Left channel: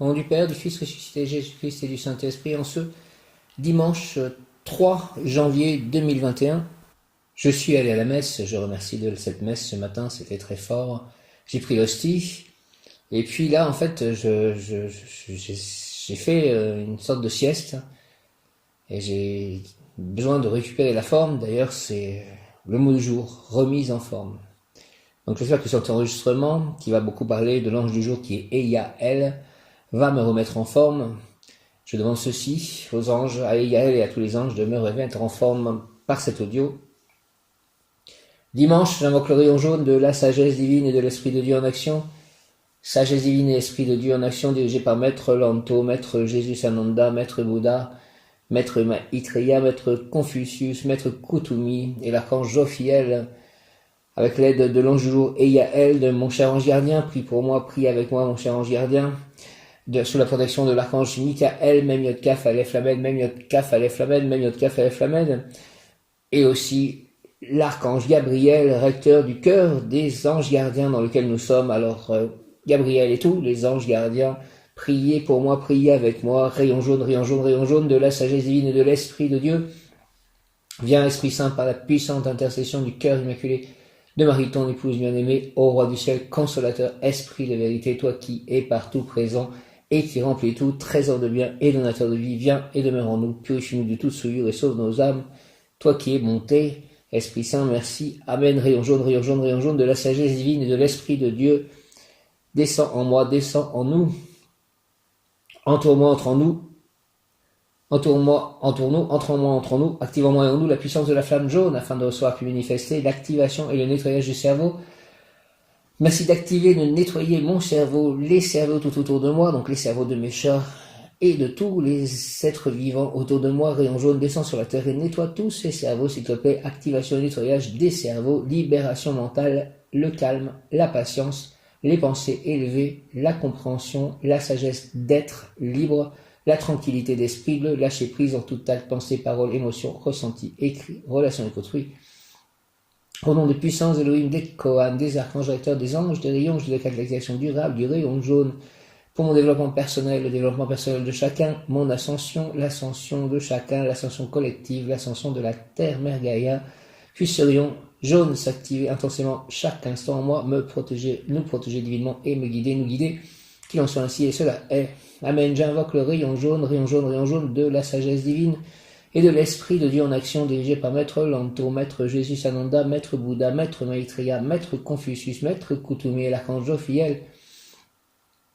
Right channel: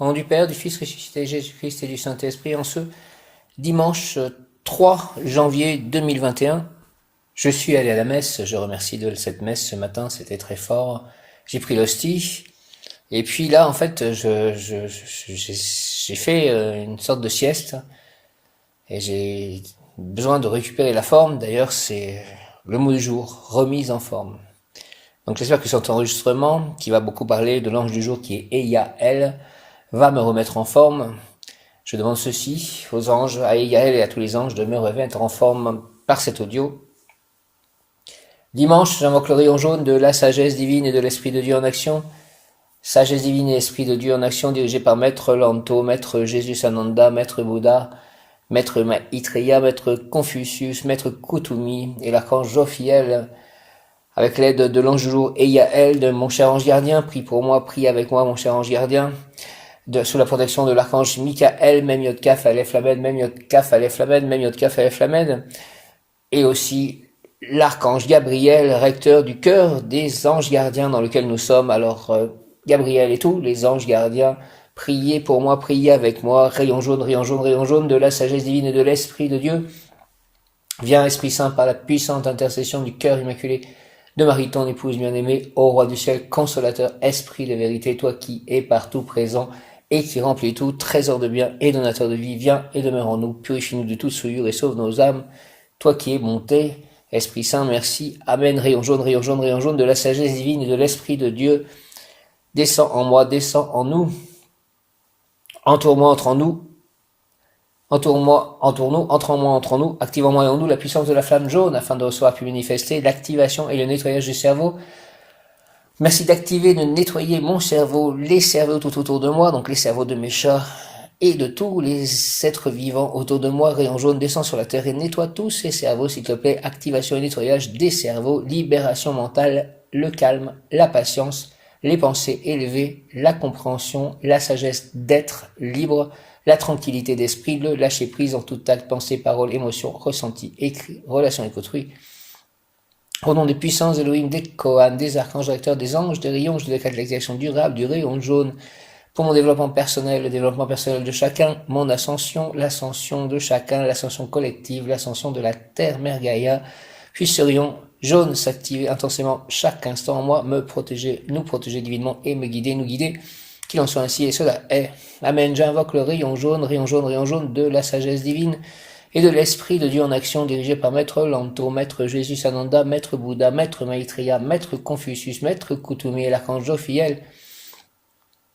Au nom du Père, du Fils ressuscité, Jésus-Christ et du Saint-Esprit, en ce dimanche 3 janvier 2021, je suis allé à la messe. Je remercie de cette messe ce matin, c'était très fort. J'ai pris l'hostie. Et puis là, en fait, j'ai fait une sorte de sieste. Et j'ai besoin de récupérer la forme. D'ailleurs, c'est le mot du jour, remise en forme. Donc j'espère que cet enregistrement, qui va beaucoup parler de l'ange du jour qui est Eyael, va me remettre en forme. Je demande ceci aux anges, à Eyael et à tous les anges, de me remettre en forme par cet audio. Dimanche, j'invoque le rayon jaune de la sagesse divine et de l'Esprit de Dieu en action. Sagesse divine et Esprit de Dieu en action, dirigé par Maître Lanto, Maître Jésus Sananda, Maître Bouddha, Maître Maitreya, Maître Confucius, Maître Kutumi et l'archange Jophiel, avec l'aide de l'ange du jour Eyael, de mon cher ange gardien. Prie pour moi, prie avec moi, mon cher ange gardien. Sous la protection de l'archange Michael, Mem Yod Kaf Aleph Lamed, Mem Yod Kaf Aleph Lamed, Mem Yod Kaf Aleph Lamed, et aussi l'archange Gabriel, recteur du cœur des anges gardiens dans lequel nous sommes. Alors Gabriel et tous les anges gardiens, priez pour moi, priez avec moi. Rayon jaune, rayon jaune, rayon jaune de la sagesse divine et de l'Esprit de Dieu. Viens Esprit Saint par la puissante intercession du cœur immaculé de Marie, ton épouse bien-aimée, ô roi du ciel, consolateur, esprit de vérité, toi qui es partout présent et qui remplis tout, trésor de bien et donateur de vie, viens et demeure en nous, purifie-nous de toute souillure et sauve nos âmes, toi qui es bonté, Esprit Saint, merci, Amen. Rayon jaune, rayon jaune, rayon jaune de la sagesse divine et de l'Esprit de Dieu, descends en moi, descends en nous, entoure-moi, entre en nous, entoure-moi, entoure-nous, entre en moi, entre en nous, active en moi et en nous la puissance de la flamme jaune afin de recevoir puis manifester l'activation et le nettoyage du cerveau. Merci d'activer, de nettoyer mon cerveau, les cerveaux tout autour de moi, donc les cerveaux de mes chats et de tous les êtres vivants autour de moi. Rayon jaune descend sur la terre et nettoie tous ces cerveaux, s'il te plaît. Activation et nettoyage des cerveaux, libération mentale, le calme, la patience, les pensées élevées, la compréhension, la sagesse d'être libre, la tranquillité d'esprit, le lâcher prise en tout acte, pensée, parole, émotion, ressenti, écrit, relation avec autrui. Au nom des puissances Elohim, des Kohan, des archanges directeurs, des anges, des rayons, je décrète l'exercice durable du rayon jaune pour mon développement personnel, le développement personnel de chacun, mon ascension, l'ascension de chacun, l'ascension collective, l'ascension de la terre Mère Gaïa. Puisse ce rayon jaune s'activer intensément chaque instant en moi, me protéger, nous protéger divinement et me guider, nous guider. Qu'il en soit ainsi et cela est. Amen. J'invoque le rayon jaune, rayon jaune, rayon jaune de la sagesse divine et de l'Esprit de Dieu en action, dirigé par Maître Lanto, Maître Jésus Sananda, Maître Bouddha, Maître Maitreya, Maître Confucius, Maître Kutumi et l'archange Jophiel.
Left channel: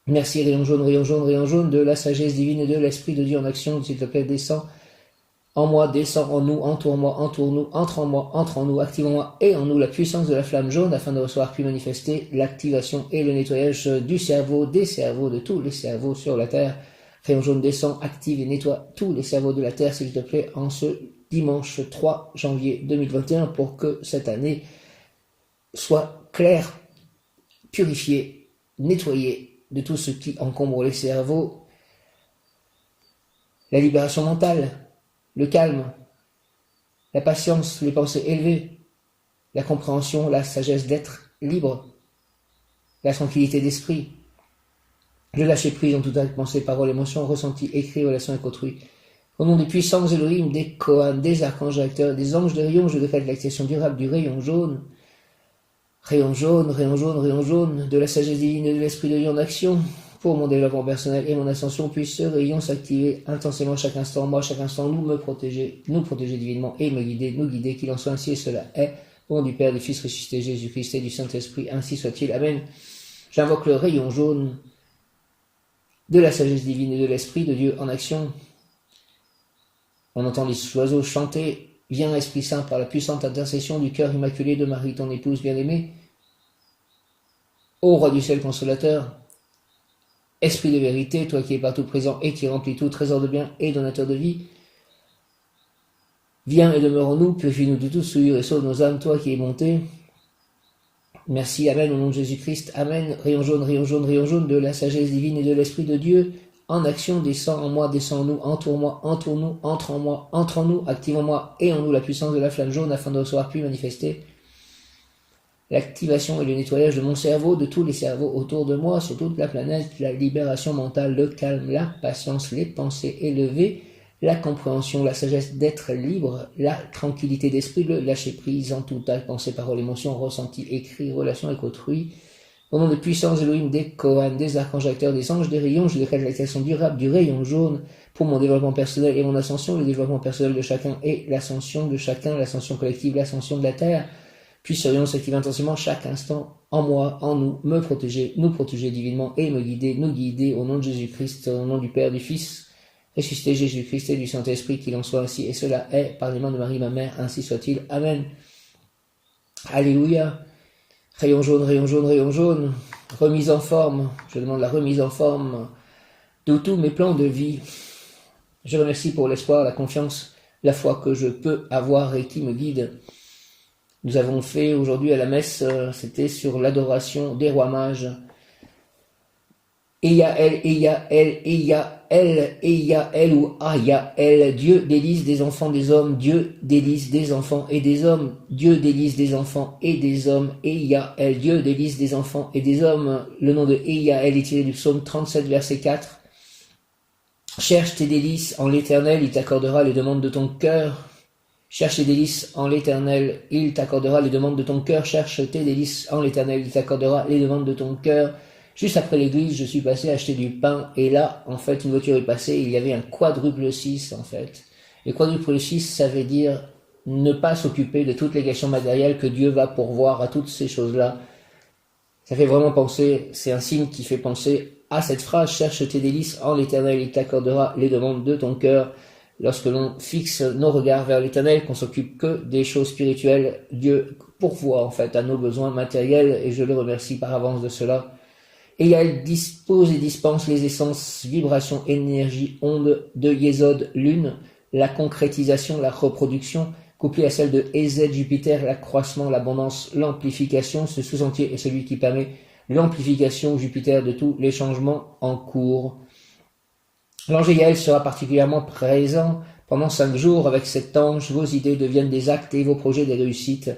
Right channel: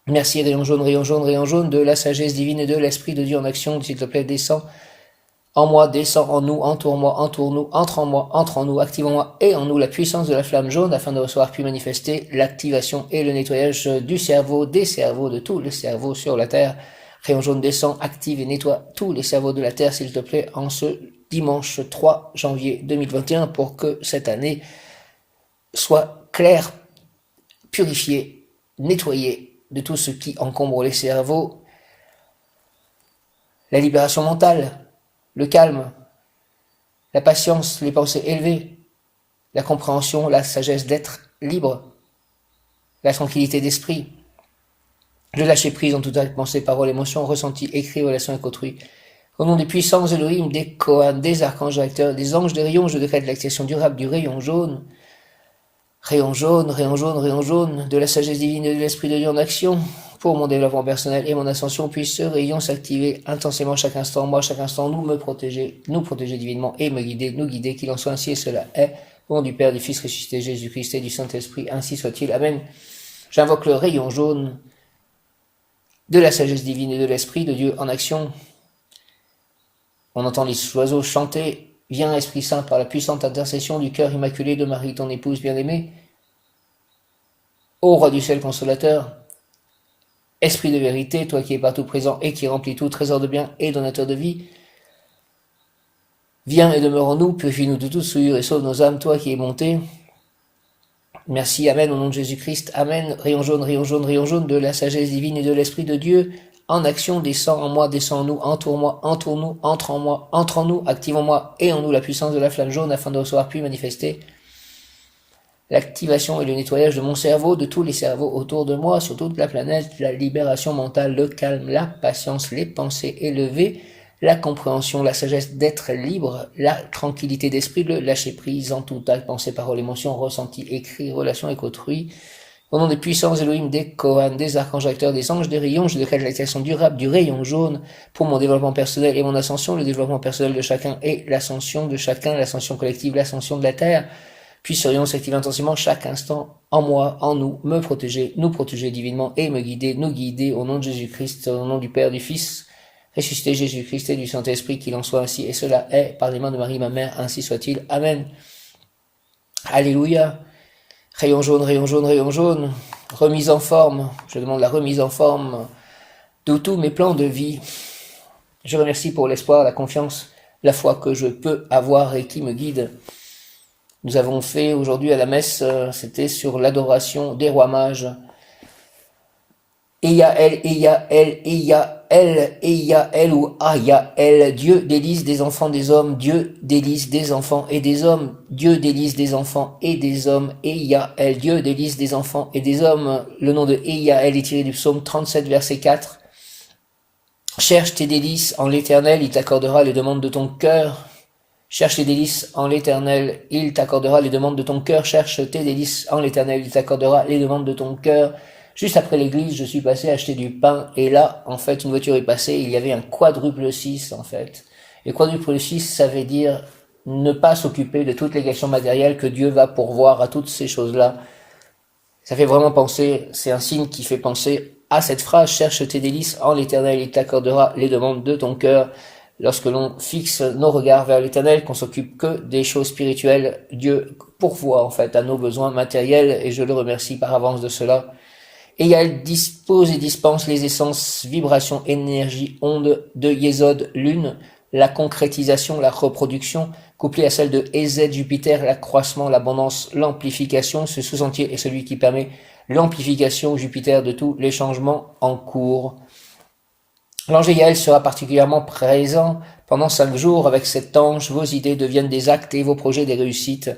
Merci, rayon jaune de la sagesse divine et de l'Esprit de Dieu en action, s'il te plaît, descends en moi, descends en nous, entoure-moi, entoure-nous, entre en moi, entre en nous, active en moi et en nous la puissance de la flamme jaune afin de recevoir puis manifester l'activation et le nettoyage du cerveau, des cerveaux, de tous les cerveaux sur la terre. Rayon jaune descend, active et nettoie tous les cerveaux de la terre, s'il te plaît, en ce dimanche 3 janvier 2021 pour que cette année soit claire, purifiée, nettoyée de tout ce qui encombre les cerveaux. La libération mentale, le calme, la patience, les pensées élevées, la compréhension, la sagesse d'être libre, la tranquillité d'esprit, le lâcher prise en toute acte, pensée, parole, émotion, ressenti, écrit, relation avec autrui. Au nom des puissances Elohim, des Kohan, des archanges directeurs, des anges, des rayons, je décrète l'accession durable du rayon jaune. Rayon jaune, rayon jaune, rayon jaune, de la sagesse divine et de l'Esprit de Dieu en action. Pour mon développement personnel et mon ascension, puisse ce rayon s'activer intensément chaque instant, moi, chaque instant, nous protéger divinement et me guider, nous guider, qu'il en soit ainsi et cela est. Au nom du Père, du Fils ressuscité, Jésus-Christ et du Saint-Esprit, ainsi soit-il. Amen. J'invoque le rayon jaune de la sagesse divine et de l'Esprit de Dieu en action. On entend les oiseaux chanter. Viens, Esprit Saint, par la puissante intercession du cœur immaculé de Marie, ton épouse bien-aimée. Ô roi du ciel consolateur, Esprit de vérité, toi qui es partout présent et qui remplis tout, trésor de bien et donateur de vie, viens et demeure en nous, purifie-nous de toute souillure et sauve nos âmes, toi qui es bonté. Merci, Amen, au nom de Jésus-Christ, Amen. Rayon jaune, rayon jaune, rayon jaune de la sagesse divine et de l'Esprit de Dieu en action, descends en moi, descends en nous, entoure-moi, entoure-nous, entre en moi, entre en nous, active en moi et en nous la puissance de la flamme jaune afin de recevoir puis manifester l'activation et le nettoyage de mon cerveau, de tous les cerveaux autour de moi, sur toute la planète, la libération mentale, le calme, la patience, les pensées élevées, la compréhension, la sagesse d'être libre, la tranquillité d'esprit, le lâcher prise en tout acte, pensée, parole, émotion, ressenti, écrit, relation avec autrui. Au nom des puissances Elohim, des Kohan, des archanges acteurs, des anges, des rayons, je décrète l'activation durable du rayon jaune pour mon développement personnel et mon ascension, le développement personnel de chacun et l'ascension de chacun, l'ascension collective, l'ascension de la Terre. Puisserions s'activer intensément chaque instant en moi, en nous, me protéger, nous protéger divinement et me guider, nous guider au nom de Jésus-Christ, au nom du Père, du Fils, ressuscité Jésus-Christ et du Saint-Esprit, qu'il en soit ainsi, et cela est par les mains de Marie, ma mère, ainsi soit-il. Amen. Alléluia. Rayon jaune, rayon jaune, rayon jaune. Remise en forme. Je demande la remise en forme de tous mes plans de vie. Je remercie pour l'espoir, la confiance, la foi que je peux avoir et qui me guide. Nous avons fait aujourd'hui à la messe, c'était sur l'adoration des rois mages. Eyael, Eyael, Eyael, Eyael ou Ayael, Dieu délice des enfants des hommes, Dieu délice des enfants et des hommes, Dieu délice des enfants et des hommes, Eyael, Dieu délice des enfants et des hommes. Le nom de Eyael est tiré du psaume 37, verset 4. Cherche tes délices en l'Éternel, il t'accordera les demandes de ton cœur. Cherche tes délices en l'Éternel, il t'accordera les demandes de ton cœur. Cherche tes délices en l'Éternel, il t'accordera les demandes de ton cœur. Juste après l'église, je suis passé acheter du pain, et là, en fait, une voiture est passée, il y avait un quadruple 6, en fait. Et quadruple 6, ça veut dire ne pas s'occuper de toutes les questions matérielles, que Dieu va pourvoir à toutes ces choses-là. Ça fait vraiment penser, c'est un signe qui fait penser à cette phrase, cherche tes délices en l'Éternel, il t'accordera les demandes de ton cœur. Lorsque l'on fixe nos regards vers l'Éternel, qu'on s'occupe que des choses spirituelles, Dieu pourvoit en fait à nos besoins matériels, et je le remercie par avance de cela. Et elle dispose et dispense les essences, vibrations, énergie, ondes de Yesod, lune, la concrétisation, la reproduction, couplée à celle de Ez, Jupiter, l'accroissement, l'abondance, l'amplification. Ce sous-entier est celui qui permet l'amplification, Jupiter, de tous les changements en cours. L'ange Yael sera particulièrement présent pendant 5 jours. Avec cet ange, vos idées deviennent des actes et vos projets des réussites.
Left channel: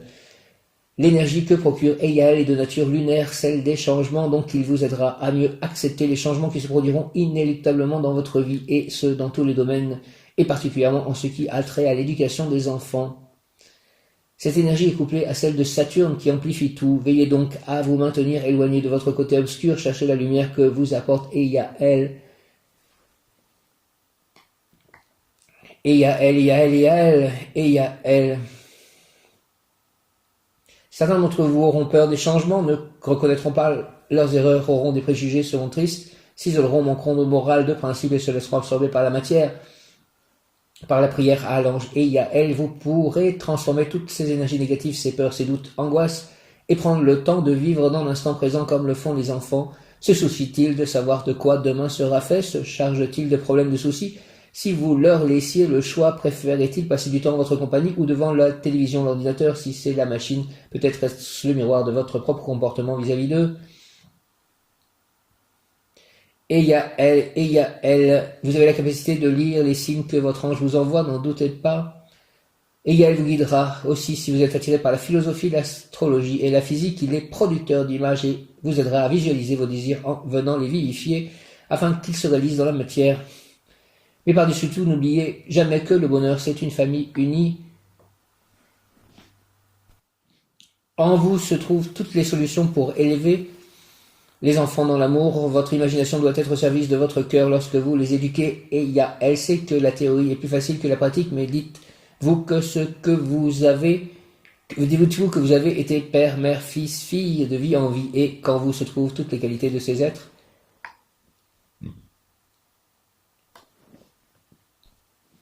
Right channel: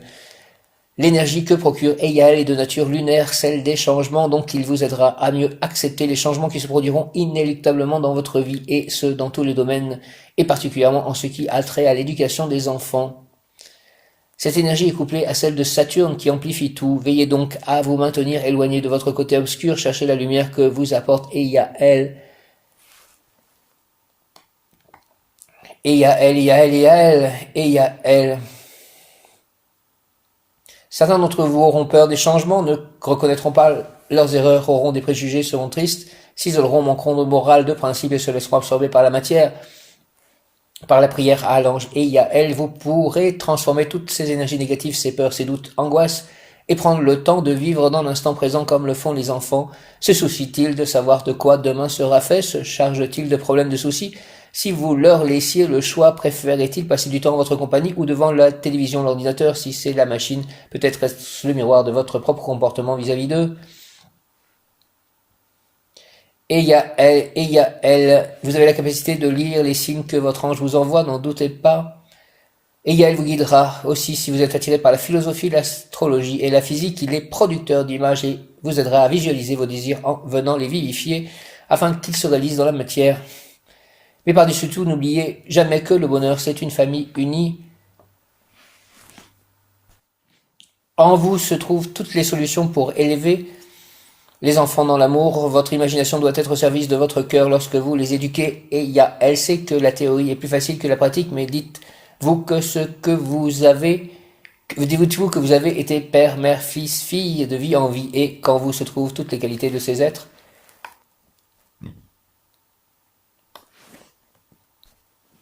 L'énergie que procure Yael est de nature lunaire, celle des changements, donc il vous aidera à mieux accepter les changements qui se produiront inéluctablement dans votre vie, et ce, dans tous les domaines, et particulièrement en ce qui a trait à l'éducation des enfants. Cette énergie est couplée à celle de Saturne qui amplifie tout. Veillez donc à vous maintenir éloigné de votre côté obscur, cherchez la lumière que vous apporte Yael. Yael, Yael, Yael, Yael. Certains d'entre vous auront peur des changements, ne reconnaîtront pas leurs erreurs, auront des préjugés, seront tristes, s'isoleront, manqueront de morale, de principe et se laisseront absorber par la matière. Par la prière à l'ange Yael, vous pourrez transformer toutes ces énergies négatives, ces peurs, ces doutes, angoisses, et prendre le temps de vivre dans l'instant présent comme le font les enfants. Se soucient-ils de savoir de quoi demain sera fait? Se chargent-ils de problèmes, de soucis? Si vous leur laissiez le choix, préférez-ils passer du temps en votre compagnie ou devant la télévision, l'ordinateur? Si c'est la machine, peut-être est-ce le miroir de votre propre comportement vis-à-vis d'eux? Yael, vous avez la capacité de lire les signes que votre ange vous envoie, n'en doutez pas. Yael vous guidera aussi si vous êtes attiré par la philosophie, l'astrologie et la physique. Il est producteur d'images et vous aidera à visualiser vos désirs en venant les vivifier afin qu'ils se réalisent dans la matière. Mais par-dessus tout, n'oubliez jamais que le bonheur, c'est une famille unie. En vous se trouvent toutes les solutions pour élever les enfants dans l'amour. Votre imagination doit être au service de votre cœur lorsque vous les éduquez. Elle sait que la théorie est plus facile que la pratique, mais dites-vous que vous avez été père, mère, fils, fille de vie en vie, et qu'en vous se trouvent toutes les qualités de ces êtres.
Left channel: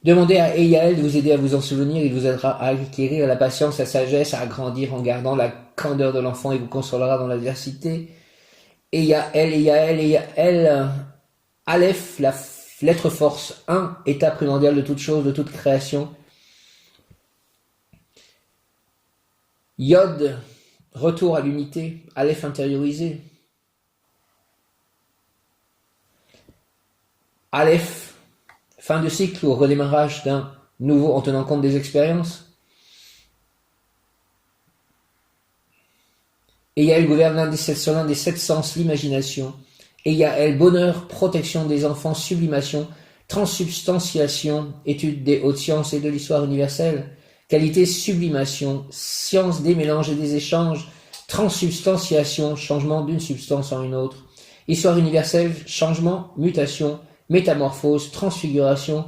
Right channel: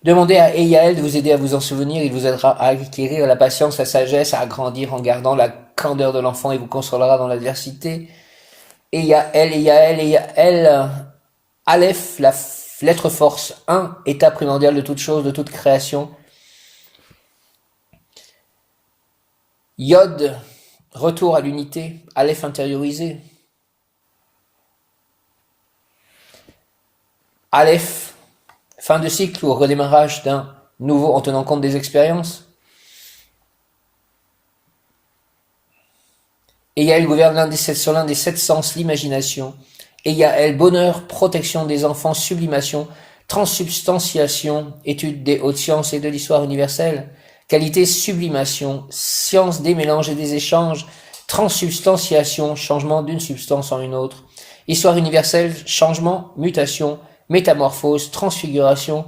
Demandez à Yael de vous aider à vous en souvenir, il vous aidera à acquérir la patience, la sagesse, à grandir en gardant la candeur de l'enfant et vous consolera dans l'adversité. Yael, Aleph, la lettre force 1, état primordial de toute chose, de toute création. Yod, retour à l'unité, Aleph intériorisé. Aleph, fin de cycle ou redémarrage d'un nouveau en tenant compte des expériences. Et Yael gouverne sur l'un des 7 sens, l'imagination. Et Yael, bonheur, protection des enfants, sublimation, transsubstantiation, étude des hautes sciences et de l'histoire universelle. Qualité, sublimation, science des mélanges et des échanges, transsubstantiation, changement d'une substance en une autre. Histoire universelle, changement, mutation, métamorphose, transfiguration,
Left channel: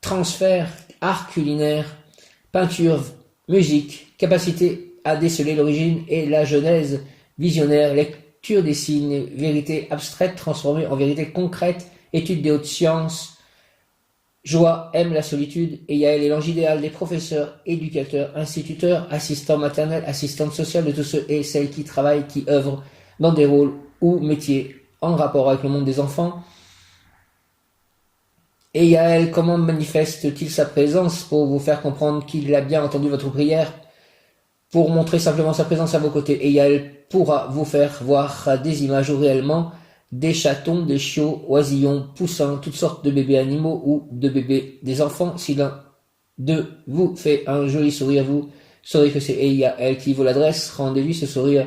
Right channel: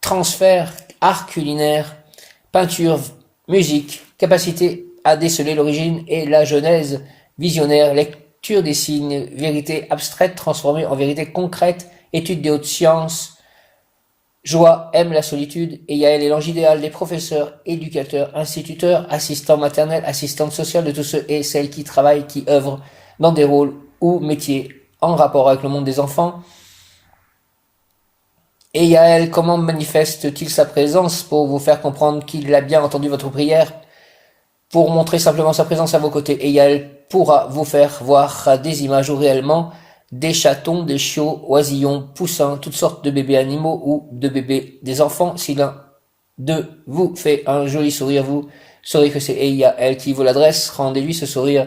transfert, art culinaire, peinture, musique, capacité à déceler l'origine et la genèse, visionnaire, lecture des signes, vérité abstraite transformée en vérité concrète, étude des hautes sciences, joie, aime la solitude, et Yael est l'ange idéal des professeurs, éducateurs, instituteurs, assistants maternels, assistantes sociales de tous ceux et celles qui travaillent, qui œuvrent dans des rôles ou métiers en rapport avec le monde des enfants. Et Yael, comment manifeste-t-il sa présence pour vous faire comprendre qu'il a bien entendu votre prière, pour montrer simplement sa présence à vos côtés. Et Yael pourra vous faire voir des images où réellement des chatons, des chiots, oisillons, poussins, toutes sortes de bébés animaux ou de bébés des enfants. Si l'un d'eux vous fait un joli sourire, vous saurez que c'est Yael qui vous l'adresse. Rendez-lui ce sourire.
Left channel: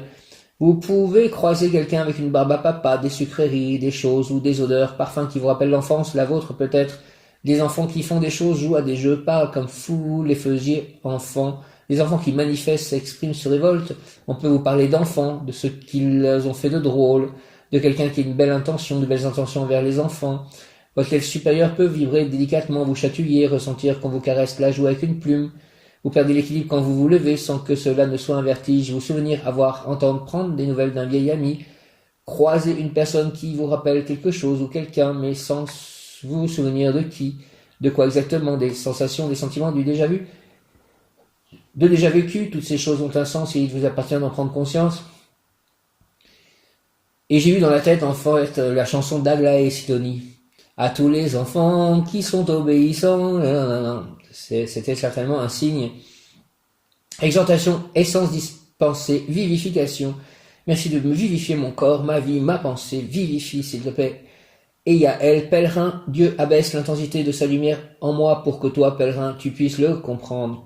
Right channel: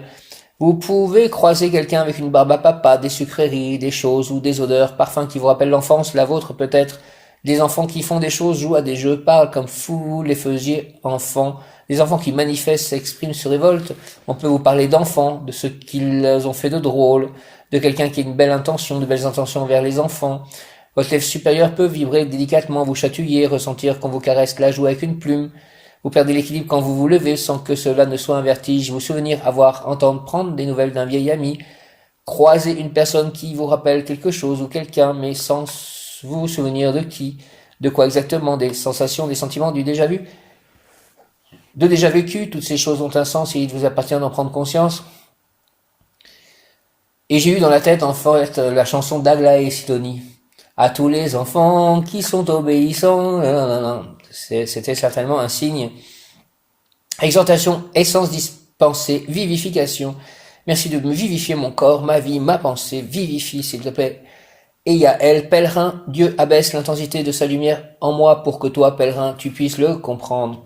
Vous pouvez croiser quelqu'un avec une barbe à papa, des sucreries, des choses ou des odeurs, parfums qui vous rappellent l'enfance, la vôtre peut-être. Des enfants qui font des choses, jouent à des jeux, parlent comme vous les faisiez enfants. Des enfants qui manifestent, s'expriment, se révoltent. On peut vous parler d'enfants, de ce qu'ils ont fait de drôle, de quelqu'un qui a une belle intention, de belles intentions envers les enfants. Votre lèvre supérieure peut vibrer délicatement, vous chatouiller, ressentir qu'on vous caresse la joue avec une plume. Vous perdez l'équilibre quand vous vous levez sans que cela ne soit un vertige. Vous souvenir, avoir, entendre, prendre des nouvelles d'un vieil ami. Croiser une personne qui vous rappelle quelque chose ou quelqu'un, mais sans vous souvenir de qui, de quoi exactement, des sensations, des sentiments, du déjà vu. De déjà vécu, toutes ces choses ont un sens et il vous appartient d'en prendre conscience. Et j'ai eu dans la tête en fait la chanson d'Aglaé et Sidonie. À tous les enfants qui sont obéissants, c'était certainement un signe. Exhortation, essence dispensée, vivification. Merci de me vivifier mon corps, ma vie, ma pensée, vivifie s'il te plaît. Et Yael, pèlerin, Dieu abaisse l'intensité de sa lumière en moi pour que toi, pèlerin, tu puisses le comprendre.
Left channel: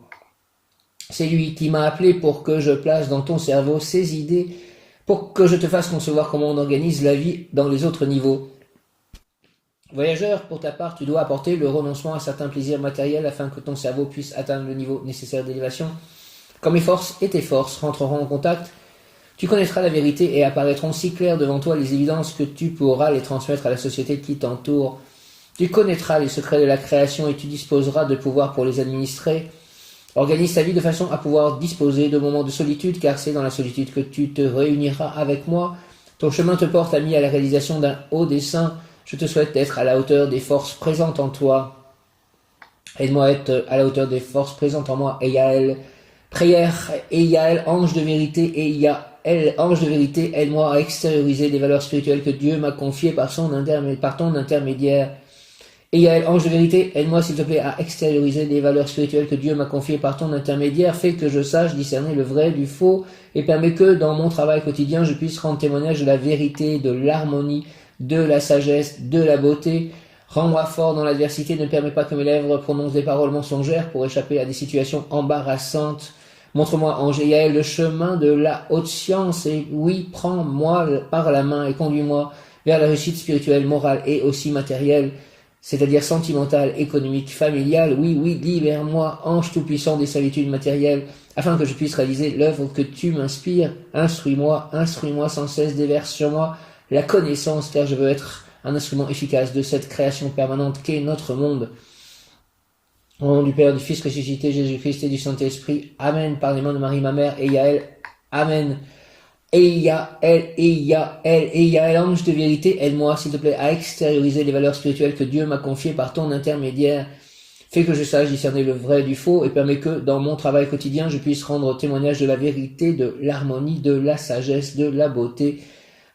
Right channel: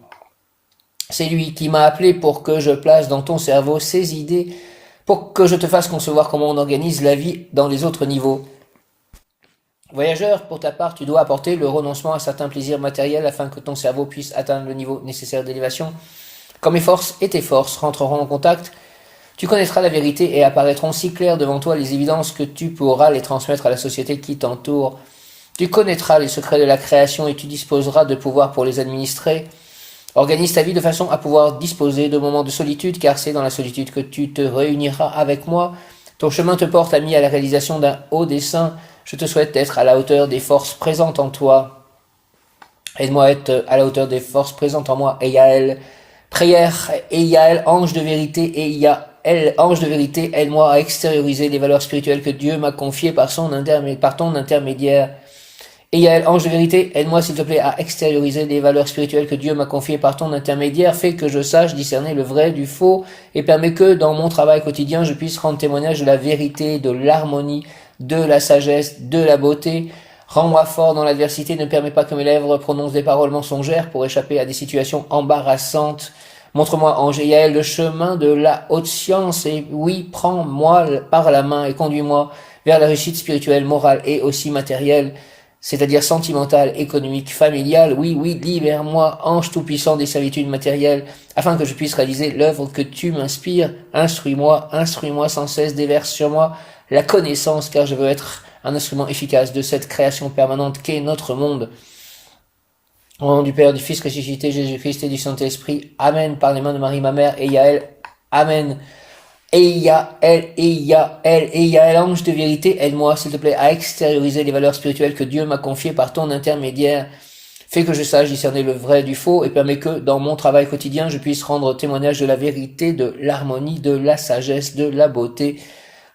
C'est lui qui m'a appelé pour que je place dans ton cerveau ces idées, pour que je te fasse concevoir comment on organise la vie dans les autres niveaux. Voyageur, pour ta part, tu dois apporter le renoncement à certains plaisirs matériels afin que ton cerveau puisse atteindre le niveau nécessaire d'élévation. Quand mes forces et tes forces rentreront en contact, tu connaîtras la vérité et apparaîtront si claires devant toi les évidences que tu pourras les transmettre à la société qui t'entoure. Tu connaîtras les secrets de la création et tu disposeras de pouvoir pour les administrer. Organise ta vie de façon à pouvoir disposer de moments de solitude, car c'est dans la solitude que tu te réuniras avec moi. Ton chemin te porte, ami, à la réalisation d'un haut dessein. Je te souhaite d'être à la hauteur des forces présentes en toi. Aide-moi à être à la hauteur des forces présentes en moi. Et Yael, prière, et Yael, ange de vérité, et Yael, ange de vérité, aide-moi à extérioriser les valeurs spirituelles que Dieu m'a confiées par ton intermédiaire. Et Yael, ange de vérité, aide-moi s'il te plaît à extérioriser les valeurs spirituelles que Dieu m'a confiées par ton intermédiaire, fais que je sache discerner le vrai du faux, et permets que dans mon travail quotidien je puisse rendre témoignage de la vérité, de l'harmonie, de la sagesse, de la beauté. Rends-moi fort dans l'adversité, ne permets pas que mes lèvres prononcent des paroles mensongères pour échapper à des situations embarrassantes. Montre-moi, ange et Yael, le chemin de la haute science, et oui, prends-moi par la main et conduis-moi vers la réussite spirituelle, morale et aussi matérielle, c'est-à-dire sentimentale, économique, familiale. Oui, libère-moi, ange tout-puissant des servitudes matérielles, afin que je puisse réaliser l'œuvre que tu m'inspires. Instruis-moi sans cesse, déverse sur moi la connaissance, car je veux être un instrument efficace de cette création permanente qu'est notre monde. Au nom du Père, du Fils ressuscité, Jésus-Christ et du Saint-Esprit. Amen. Par les mains de Marie, ma mère, et Yael. Amen. Et Yael, ange de vérité, aide-moi, s'il te plaît, à extérioriser les valeurs spirituelles que Dieu m'a confiées par ton intermédiaire. Fais que je sache discerner le vrai du faux et permets que, dans mon travail quotidien, je puisse rendre témoignage de la vérité, de l'harmonie, de la sagesse, de la beauté.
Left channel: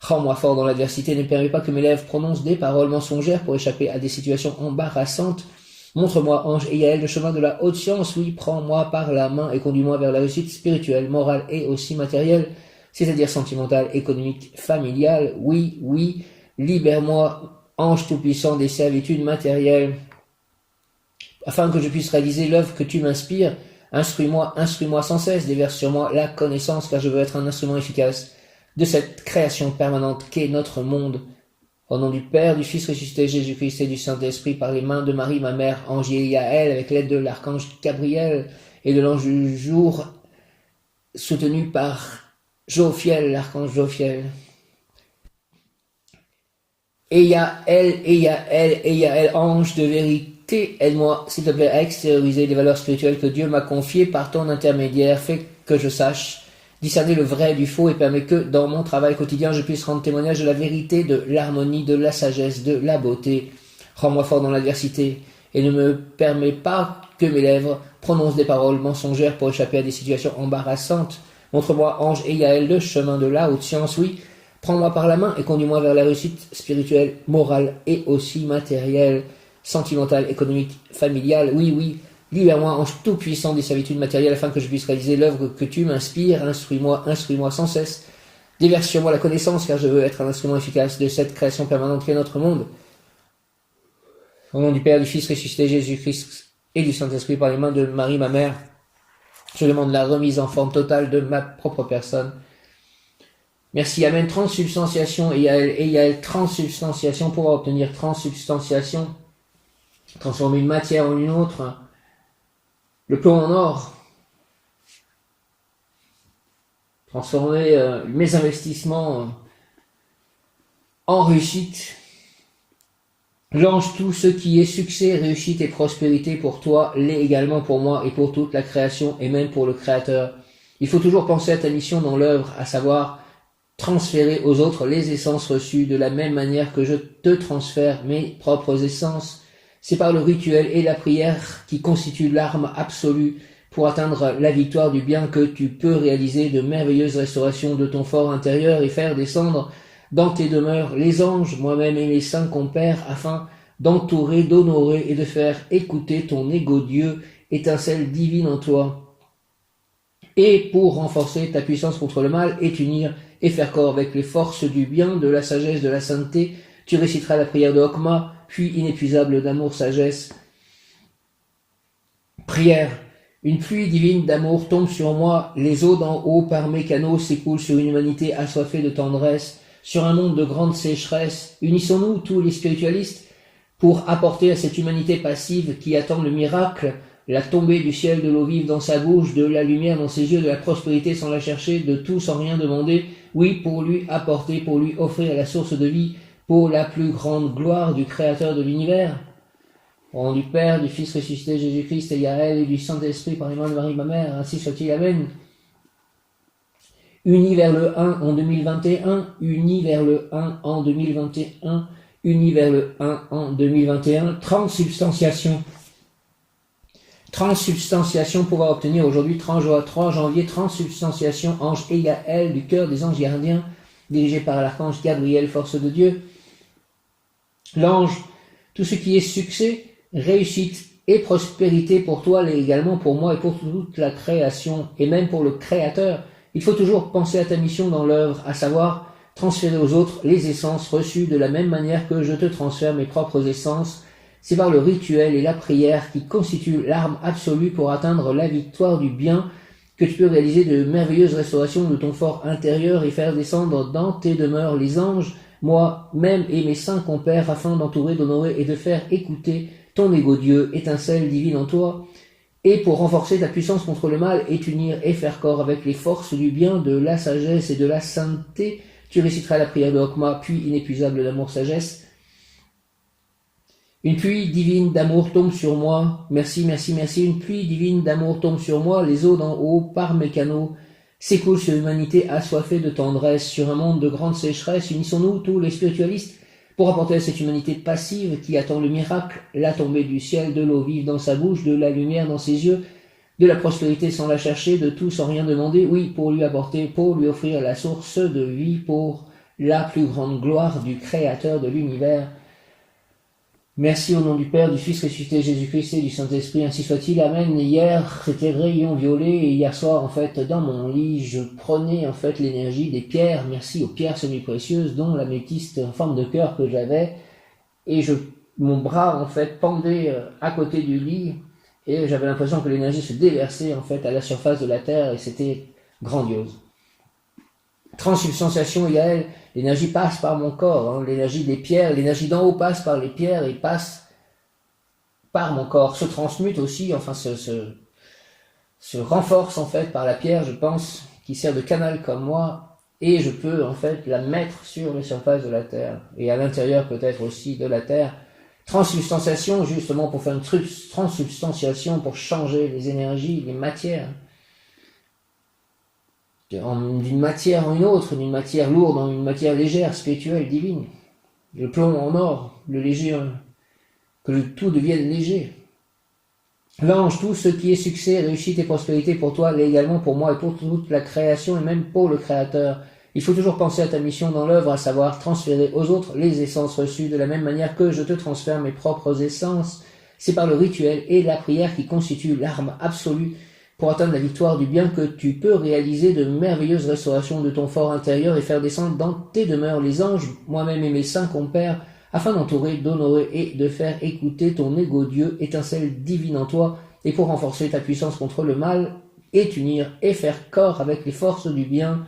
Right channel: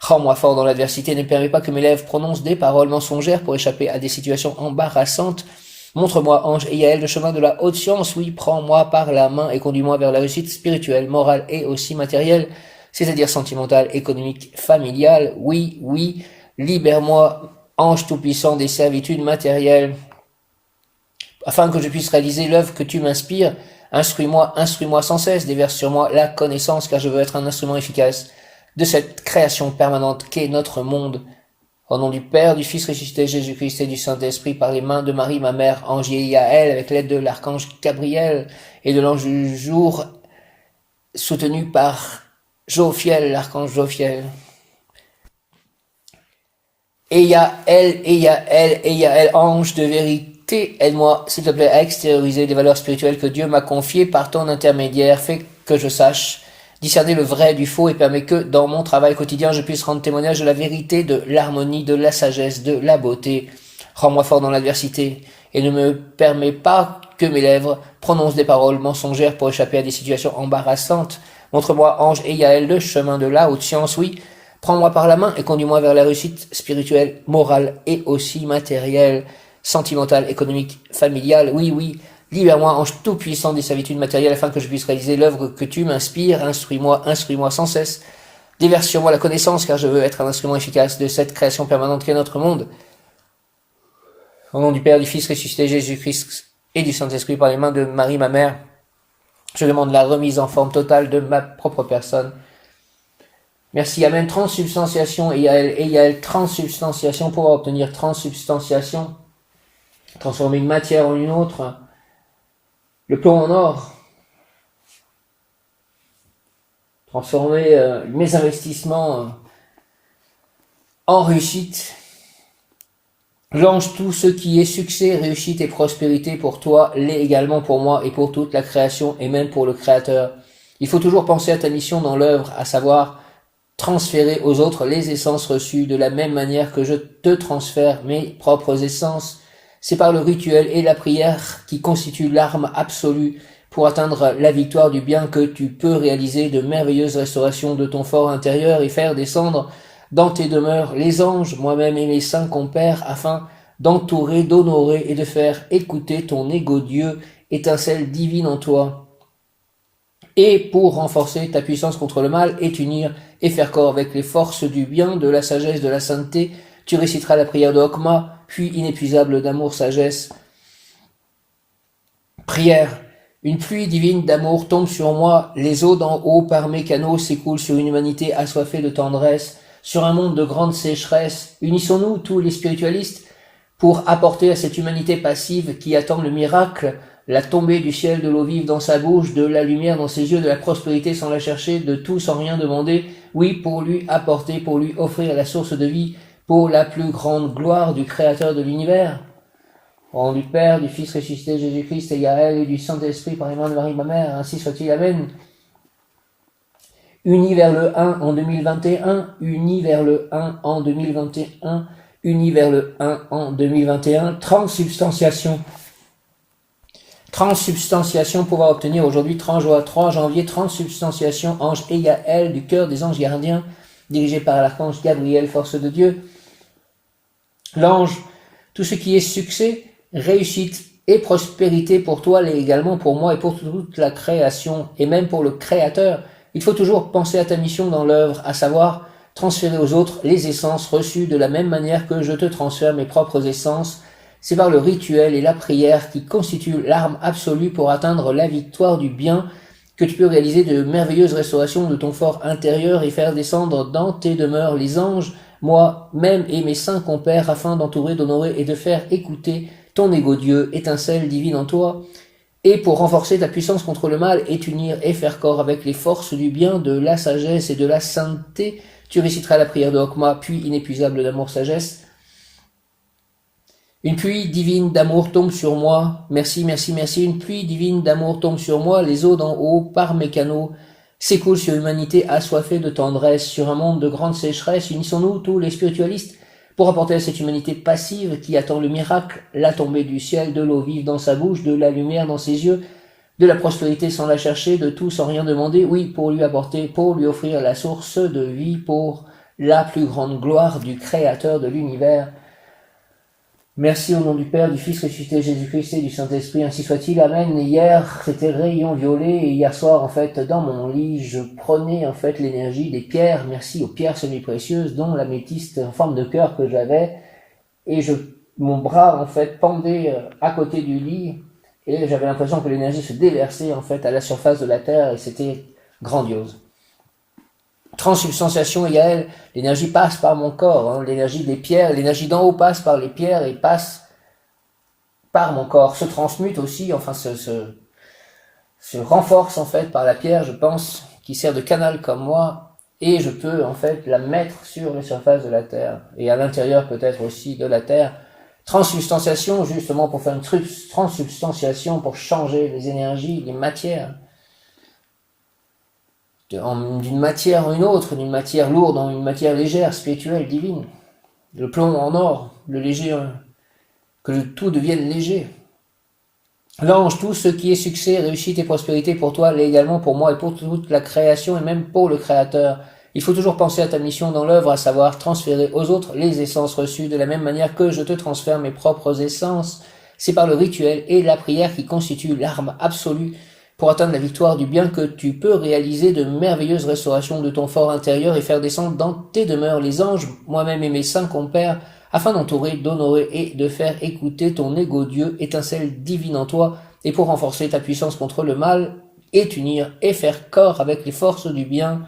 Rends-moi fort dans l'adversité, ne permets pas que mes lèvres prononcent des paroles mensongères pour échapper à des situations embarrassantes. Montre-moi, ange et Yael, le chemin de la haute science. Oui, prends-moi par la main et conduis-moi vers la réussite spirituelle, morale et aussi matérielle, c'est-à-dire sentimentale, économique, familiale. Oui, libère-moi, ange tout-puissant des servitudes matérielles, afin que je puisse réaliser l'œuvre que tu m'inspires. Instruis-moi sans cesse, déverse sur moi la connaissance, car je veux être un instrument efficace de cette création permanente qu'est notre monde. Au nom du Père, du Fils ressuscité Jésus-Christ et du Saint-Esprit, par les mains de Marie, ma mère, Ange et Yaël, avec l'aide de l'archange Gabriel et de l'ange du jour, soutenu par Jophiel, l'archange Jophiel. Et Yaël, ange de vérité, aide-moi, s'il te plaît, à extérioriser les valeurs spirituelles que Dieu m'a confiées par ton intermédiaire. Fais que je sache discerner le vrai du faux et permet que, dans mon travail quotidien, je puisse rendre témoignage de la vérité, de l'harmonie, de la sagesse, de la beauté. Rends-moi fort dans l'adversité et ne me permets pas que mes lèvres prononcent des paroles mensongères pour échapper à des situations embarrassantes. Montre-moi, ange et Yaël, le chemin de la haute science, oui. Prends-moi par la main et conduis-moi vers la réussite spirituelle, morale et aussi matérielle, sentimentale, économique, familiale. Oui, oui. Libère-moi, ange tout-puissant des servitudes matérielles, afin que je puisse réaliser l'œuvre que tu m'inspires. Instruis-moi sans cesse. Déverse sur moi la connaissance, car je veux être un instrument efficace de cette création permanente qu'est notre monde. Au nom du Père, du Fils ressuscité Jésus-Christ et du Saint-Esprit, par les mains de Marie, ma mère, je demande la remise en forme totale de ma propre personne. Merci, Amen. Transsubstantiation, et Yaël, transsubstantiation, pour obtenir transsubstantiation, transformer une matière en une autre, le plomb en or, transformer mes investissements en réussite. Lance tout ce qui est succès, réussite et prospérité pour toi, l'est également pour moi et pour toute la création et même pour le Créateur. Il faut toujours penser à ta mission dans l'œuvre, à savoir transférer aux autres les essences reçues de la même manière que je te transfère mes propres essences. C'est par le rituel et la prière qui constituent l'arme absolue pour atteindre la victoire du bien que tu peux réaliser de merveilleuses restaurations de ton fort intérieur et faire descendre dans tes demeures les anges, moi-même et mes saints compères, afin d'entourer, d'honorer et de faire écouter ton égo Dieu, étincelle divine en toi. Et pour renforcer ta puissance contre le mal et t'unir et faire corps avec les forces du bien, de la sagesse, de la sainteté, tu réciteras la prière de Hokma, puis inépuisable d'amour, sagesse. Prière. Une pluie divine d'amour tombe sur moi, les eaux d'en haut par mes canaux s'écoulent sur une humanité assoiffée de tendresse, sur un monde de grande sécheresse. Unissons-nous, tous les spiritualistes, pour apporter à cette humanité passive qui attend le miracle, la tombée du ciel, de l'eau vive dans sa bouche, de la lumière dans ses yeux, de la prospérité sans la chercher, de tout sans rien demander, oui, pour lui apporter, pour lui offrir la source de vie, pour la plus grande gloire du Créateur de l'univers. Au nom du Père, du Fils ressuscité Jésus-Christ et Yaël et du Saint-Esprit par les mains de Marie, ma mère, ainsi soit-il, Amen. Unis vers le 1 en 2021, unis vers le 1 en 2021, unis vers le 1 en 2021, transsubstantiation. Transsubstantiation, pouvoir obtenir aujourd'hui 3 janvier, transsubstantiation, ange et Yaël du cœur des anges gardiens, dirigé par l'archange Gabriel, force de Dieu. L'ange, tout ce qui est succès, réussite et prospérité pour toi, l'est également pour moi et pour toute la création, et même pour le Créateur. Il faut toujours penser à ta mission dans l'œuvre, à savoir transférer aux autres les essences reçues de la même manière que je te transfère mes propres essences. C'est par le rituel et la prière qui constituent l'arme absolue pour atteindre la victoire du bien que tu peux réaliser de merveilleuses restaurations de ton fort intérieur et faire descendre dans tes demeures les anges, moi-même et mes saints compères, afin d'entourer, d'honorer et de faire écouter ton égo Dieu, étincelle divine en toi, et pour renforcer ta puissance contre le mal et t'unir et faire corps avec les forces du bien, de la sagesse et de la sainteté, tu réciteras la prière de Hokma, puis inépuisable d'amour, sagesse. Une pluie divine d'amour tombe sur moi, merci, merci, merci, une pluie divine d'amour tombe sur moi, les eaux d'en haut, par mes canaux, s'écoulent sur l'humanité assoiffée de tendresse, sur un monde de grande sécheresse. Unissons-nous, tous les spiritualistes, pour apporter à cette humanité passive qui attend le miracle, la tombée du ciel, de l'eau vive dans sa bouche, de la lumière dans ses yeux, de la prospérité sans la chercher, de tout sans rien demander, oui, pour lui apporter, pour lui offrir la source de vie, pour la plus grande gloire du Créateur de l'univers. Merci au nom du Père, du Fils ressuscité Jésus-Christ et du Saint-Esprit, ainsi soit-il, Amen. Hier, c'était rayon violet, et hier soir, en fait, dans mon lit, je prenais, en fait, l'énergie des pierres, merci aux pierres semi-précieuses, dont l'améthyste en forme de cœur que j'avais, et mon bras, en fait, pendait à côté du lit, et j'avais l'impression que l'énergie se déversait, en fait, à la surface de la terre, et c'était grandiose. Transsubstantiation égale, l'énergie passe par mon corps, hein, l'énergie des pierres, l'énergie d'en haut passe par les pierres et passe par mon corps, se transmute aussi, enfin se renforce en fait par la pierre, je pense, qui sert de canal comme moi, et je peux en fait la mettre sur les surfaces de la Terre, et à l'intérieur peut-être aussi de la Terre. Transsubstantiation, justement pour faire une transsubstantiation, pour changer les énergies, les matières, d'une matière en une autre, d'une matière lourde en une matière légère, spirituelle, divine. Le plomb en or, le léger, que tout devienne léger. L'ange, tout ce qui est succès, réussite et prospérité pour toi, l'est également pour moi et pour toute la création et même pour le Créateur. Il faut toujours penser à ta mission dans l'œuvre, à savoir transférer aux autres les essences reçues de la même manière que je te transfère mes propres essences. C'est par le rituel et la prière qui constituent l'arme absolue pour atteindre la victoire du bien que tu peux réaliser de merveilleuses restaurations de ton fort intérieur et faire descendre dans tes demeures les anges, moi-même et mes saints compères, afin d'entourer, d'honorer et de faire écouter ton égo Dieu, étincelle divine en toi, et pour renforcer ta puissance contre le mal, et t'unir et faire corps avec les forces du bien,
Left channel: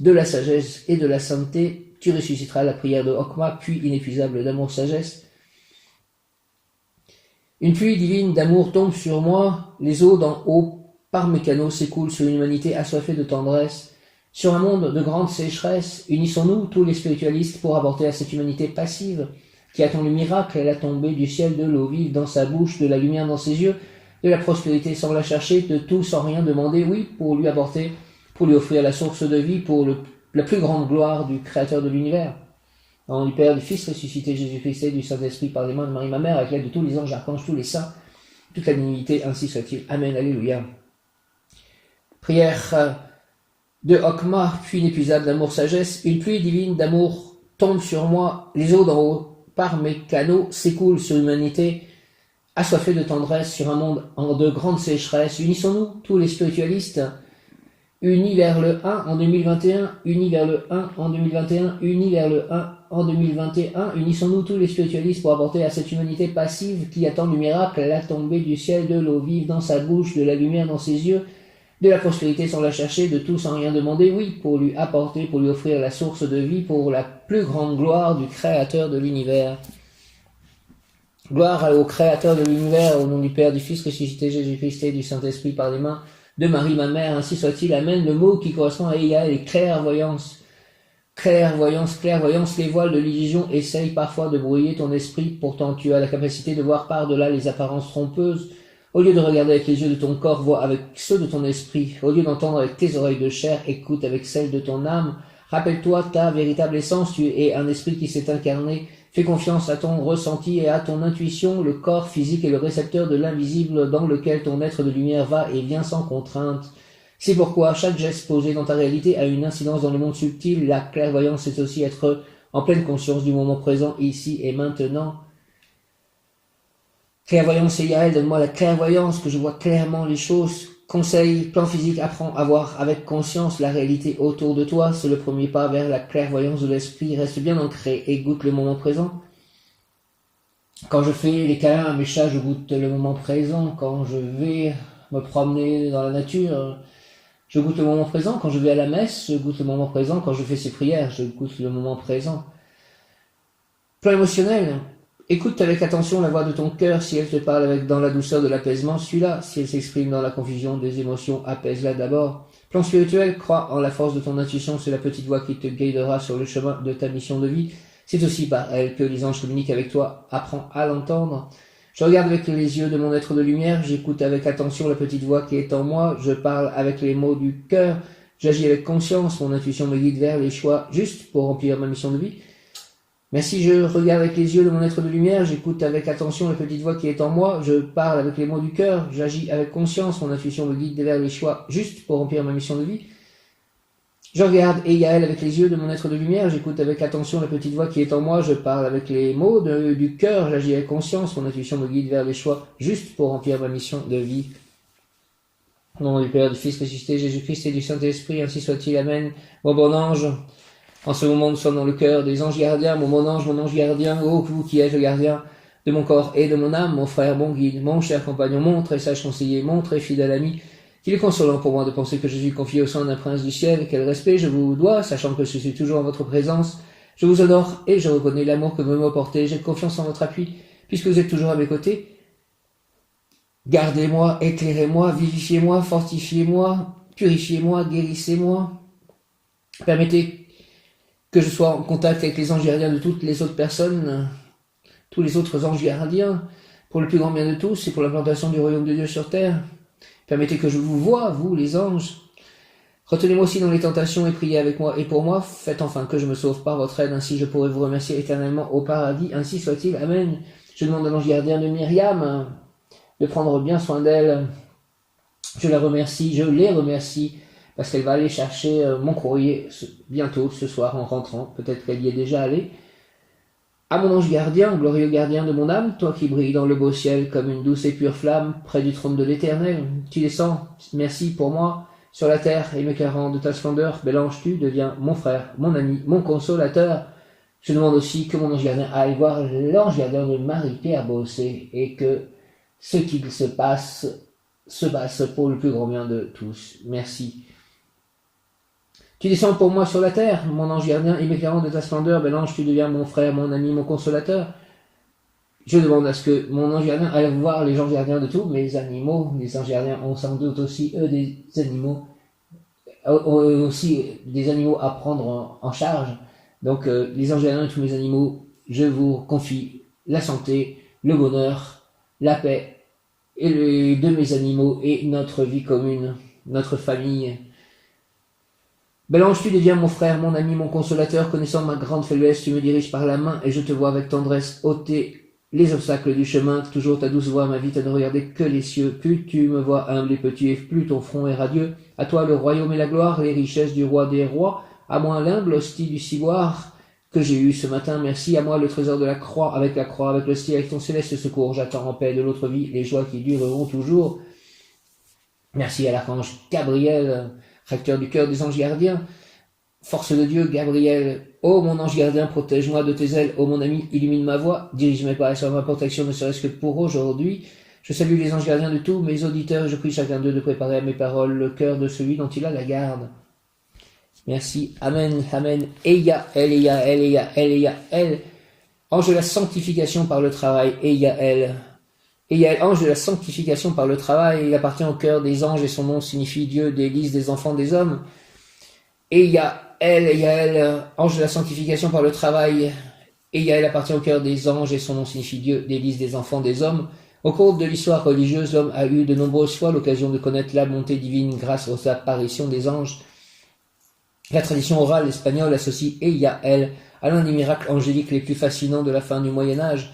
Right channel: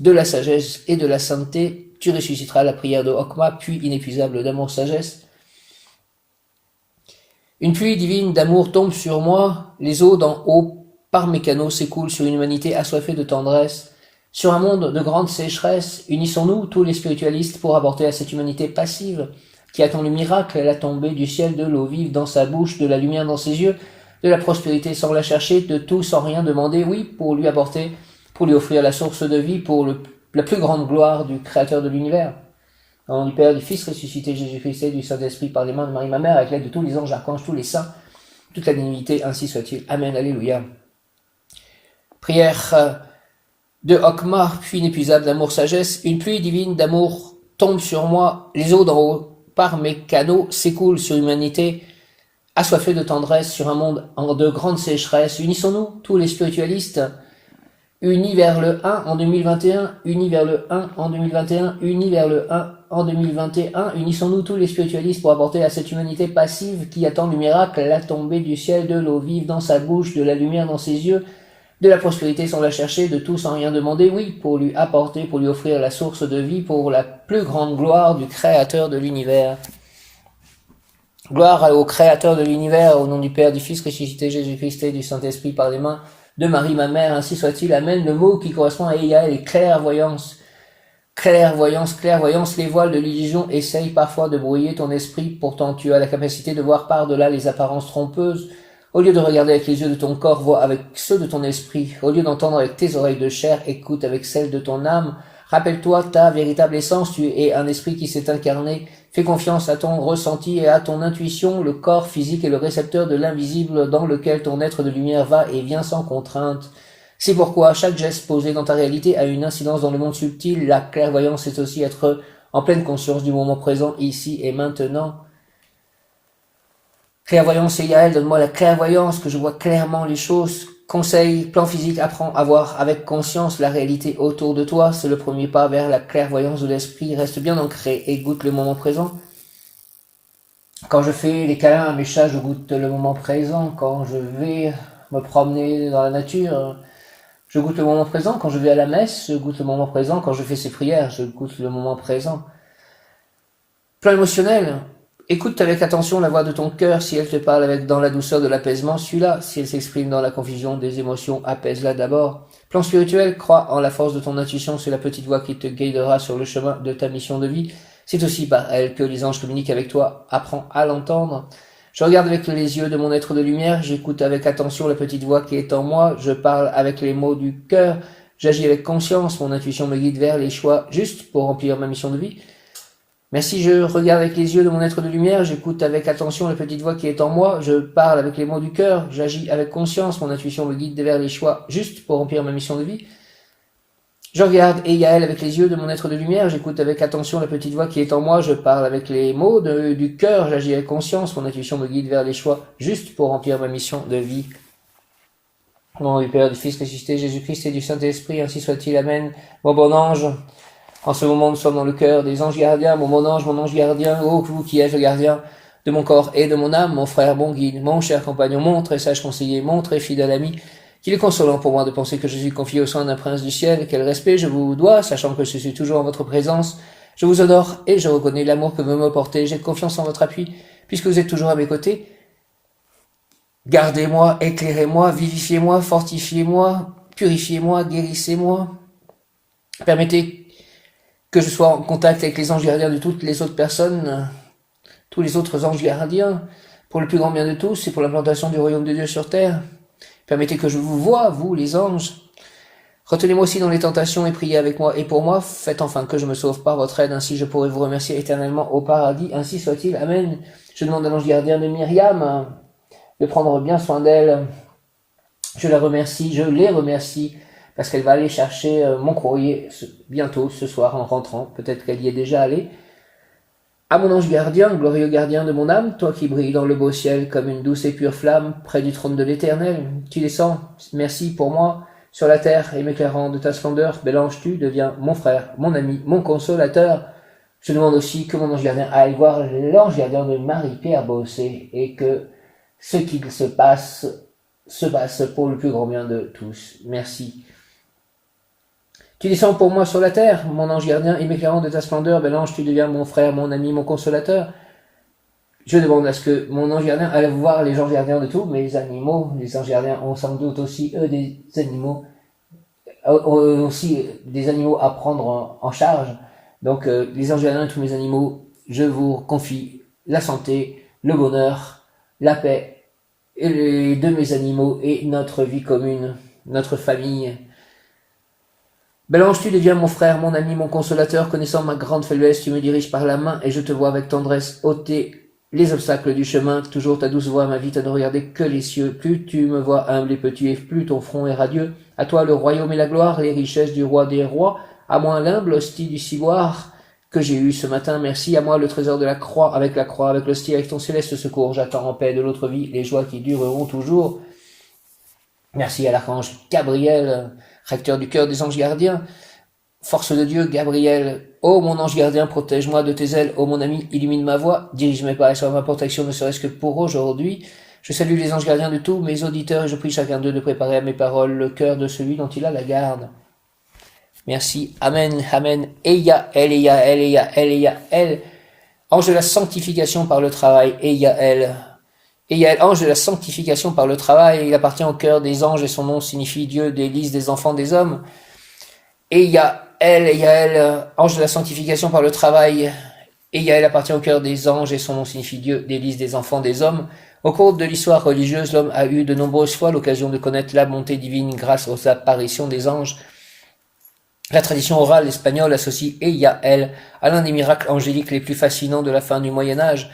de la sagesse et de la sainteté, tu ressusciteras la prière de Okma, puits inépuisable d'amour-sagesse. Une pluie divine d'amour tombe sur moi, les eaux d'en haut par mes canaux s'écoulent sur une humanité assoiffée de tendresse. Sur un monde de grande sécheresse, unissons-nous tous les spiritualistes pour apporter à cette humanité passive, qui attend le miracle, la tombée du ciel, de l'eau vive dans sa bouche, de la lumière dans ses yeux, de la prospérité sans la chercher, de tout sans rien demander, oui, pour lui apporter, pour lui offrir la source de vie, pour la plus grande gloire du Créateur de l'univers. Au nom du Père, du Fils ressuscité, Jésus-Christ et du Saint-Esprit, par les mains de Marie ma mère, avec l'aide de tous les anges, archanges, tous les saints, toute la divinité, ainsi soit-il. Amen, alléluia. Prière de Okma, puits inépuisable d'amour-sagesse, une pluie divine d'amour tombe sur moi, les eaux d'en haut, par mes canaux, s'écoulent sur l'humanité, assoiffée de tendresse, sur un monde de grande sécheresse. Unissons-nous, tous les spiritualistes, unis vers le 1 en 2021, unis vers le 1 en 2021, unis vers le 1 en 2021, unissons-nous tous les spiritualistes pour apporter à cette humanité passive qui attend le miracle, la tombée du ciel, de l'eau vive dans sa bouche, de la lumière dans ses yeux, de la prospérité sans la chercher, de tout sans rien demander, oui, pour lui apporter, pour lui offrir la source de vie, pour la plus grande gloire du Créateur de l'univers. Gloire au Créateur de l'univers, au nom du Père, du Fils ressuscité, Jésus-Christ et du Saint-Esprit, par les mains de Marie ma mère, ainsi soit-il. Amen. Le mot qui correspond à Egaël est clairvoyance. Clairvoyance, clairvoyance, les voiles de l'illusion essayent parfois de brouiller ton esprit, pourtant tu as la capacité de voir par-delà les apparences trompeuses. Au lieu de regarder avec les yeux de ton corps, vois avec ceux de ton esprit. Au lieu d'entendre avec tes oreilles de chair, écoute avec celles de ton âme. Rappelle-toi ta véritable essence, tu es un esprit qui s'est incarné. Fais confiance à ton ressenti et à ton intuition. Le corps physique est le récepteur de l'invisible dans lequel ton être de lumière va et vient sans contrainte. C'est pourquoi chaque geste posé dans ta réalité a une incidence dans le monde subtil. La clairvoyance, c'est aussi être en pleine conscience du moment présent, ici et maintenant. Clairvoyance égale, donne-moi la clairvoyance, que je vois clairement les choses. Conseil, plan physique, apprends à voir avec conscience la réalité autour de toi. C'est le premier pas vers la clairvoyance de l'esprit. Reste bien ancré et goûte le moment présent. Quand je fais les câlins à mes chats, je goûte le moment présent. Quand je vais me promener dans la nature, je goûte le moment présent. Quand je vais à la messe, je goûte le moment présent. Quand je fais ces prières, je goûte le moment présent. Plan émotionnel. Écoute avec attention la voix de ton cœur. Si elle te parle dans la douceur de l'apaisement, suis-la. Si elle s'exprime dans la confusion des émotions, apaise-la d'abord. Plan spirituel, crois en la force de ton intuition. C'est la petite voix qui te guidera sur le chemin de ta mission de vie. C'est aussi par elle que les anges communiquent avec toi. Apprends à l'entendre. Je regarde avec les yeux de mon être de lumière. J'écoute avec attention la petite voix qui est en moi. Je parle avec les mots du cœur. J'agis avec conscience. Mon intuition me guide vers les choix justes pour remplir ma mission de vie. Merci, je regarde avec les yeux de mon être de lumière, j'écoute avec attention la petite voix qui est en moi, je parle avec les mots du cœur, j'agis avec conscience, mon intuition me guide vers les choix justes pour remplir ma mission de vie. Je regarde Egaël avec les yeux de mon être de lumière, j'écoute avec attention la petite voix qui est en moi, je parle avec les mots du cœur, j'agis avec conscience, mon intuition me guide vers les choix justes pour remplir ma mission de vie. Au nom du Père, du Fils ressuscité, Jésus-Christ et du Saint-Esprit, ainsi soit-il, Amen. Bon ange, en ce moment, nous sommes dans le cœur des anges gardiens. Mon ange gardien, ô vous qui êtes le gardien de mon corps et de mon âme, mon frère, mon guide, mon cher compagnon, mon très sage conseiller, mon très fidèle ami, Qu'il est consolant pour moi de penser que je suis confié au sein d'un prince du ciel. Quel respect je vous dois, sachant que je suis toujours en votre présence. Je vous honore et je reconnais l'amour que vous me portez. J'ai confiance en votre appui, puisque vous êtes toujours à mes côtés. Gardez-moi, éclairez-moi, vivifiez-moi, fortifiez-moi, purifiez-moi, guérissez-moi. Permettez que je sois en contact avec les anges gardiens de toutes les autres personnes, tous les autres anges gardiens, pour le plus grand bien de tous et pour l'implantation du royaume de Dieu sur terre. Permettez que je vous voie, vous les anges. Retenez-moi aussi dans les tentations et priez avec moi et pour moi. Faites enfin que je me sauve par votre aide, ainsi je pourrai vous remercier éternellement au paradis. Ainsi soit-il. Amen. Je demande à l'ange gardien de Myriam de prendre bien soin d'elle. Je la remercie, je les remercie, parce qu'elle va aller chercher mon courrier bientôt, ce soir, en rentrant. Peut-être qu'elle y est déjà allée. À mon ange gardien, glorieux gardien de mon âme, toi qui brilles dans le beau ciel comme une douce et pure flamme près du trône de l'Éternel, tu descends, merci pour moi, sur la terre et m'éclairant de ta splendeur, bel ange, tu deviens mon frère, mon ami, mon consolateur. Je demande aussi que mon ange gardien aille voir l'ange gardien de Marie-Pierre Bossé et que ce qu'il se passe pour le plus grand bien de tous. Merci. Tu descends pour moi sur la terre, mon ange gardien, et m'éclairant de ta splendeur, bel ange, tu deviens mon frère, mon ami, mon consolateur. Je demande à ce que mon ange gardien aille voir les anges gardiens de tous mes animaux. Les anges gardiens ont sans doute aussi, eux, des animaux à prendre en charge. Donc, les anges gardiens de tous mes animaux, je vous confie la santé, le bonheur, la paix de mes animaux et notre vie commune, notre famille. Bel ange, tu deviens mon frère, mon ami, mon consolateur, connaissant ma grande faiblesse, tu me diriges par la main et je te vois avec tendresse ôter les obstacles du chemin, toujours ta douce voix m'invite à ne regarder que les cieux. Plus tu me vois humble et petit, et plus ton front est radieux. À toi le royaume et la gloire, les richesses du roi des rois, à moi l'humble hostie du ciboire que j'ai eu ce matin, merci. À moi le trésor de la croix, avec l'hostie, avec ton céleste secours, j'attends en paix de l'autre vie les joies qui dureront toujours. Merci à l'archange Gabriel, recteur du cœur des anges gardiens. Force de Dieu, Gabriel, ô mon ange gardien, protège-moi de tes ailes, ô mon ami, illumine ma voie, dirige mes pas et sois ma protection, ne serait-ce que pour aujourd'hui. Je salue les anges gardiens de tous mes auditeurs, je prie chacun d'eux de préparer à mes paroles le cœur de celui dont il a la garde. Merci, Amen, Amen, Eyael, Eyael, Eyael, Eyael, ange de la sanctification par le travail, Eyael. Eyael, ange de la sanctification par le travail, il appartient au cœur des anges et son nom signifie Dieu délice des enfants des hommes. Eyael, ange de la sanctification par le travail. Eyael appartient au cœur des anges et son nom signifie Dieu délice des enfants des hommes. Au cours de l'histoire religieuse, l'homme a eu de nombreuses fois l'occasion de connaître la bonté divine grâce aux apparitions des anges. La tradition orale espagnole associe Eyael à l'un des miracles angéliques les plus fascinants de la fin du Moyen-Âge.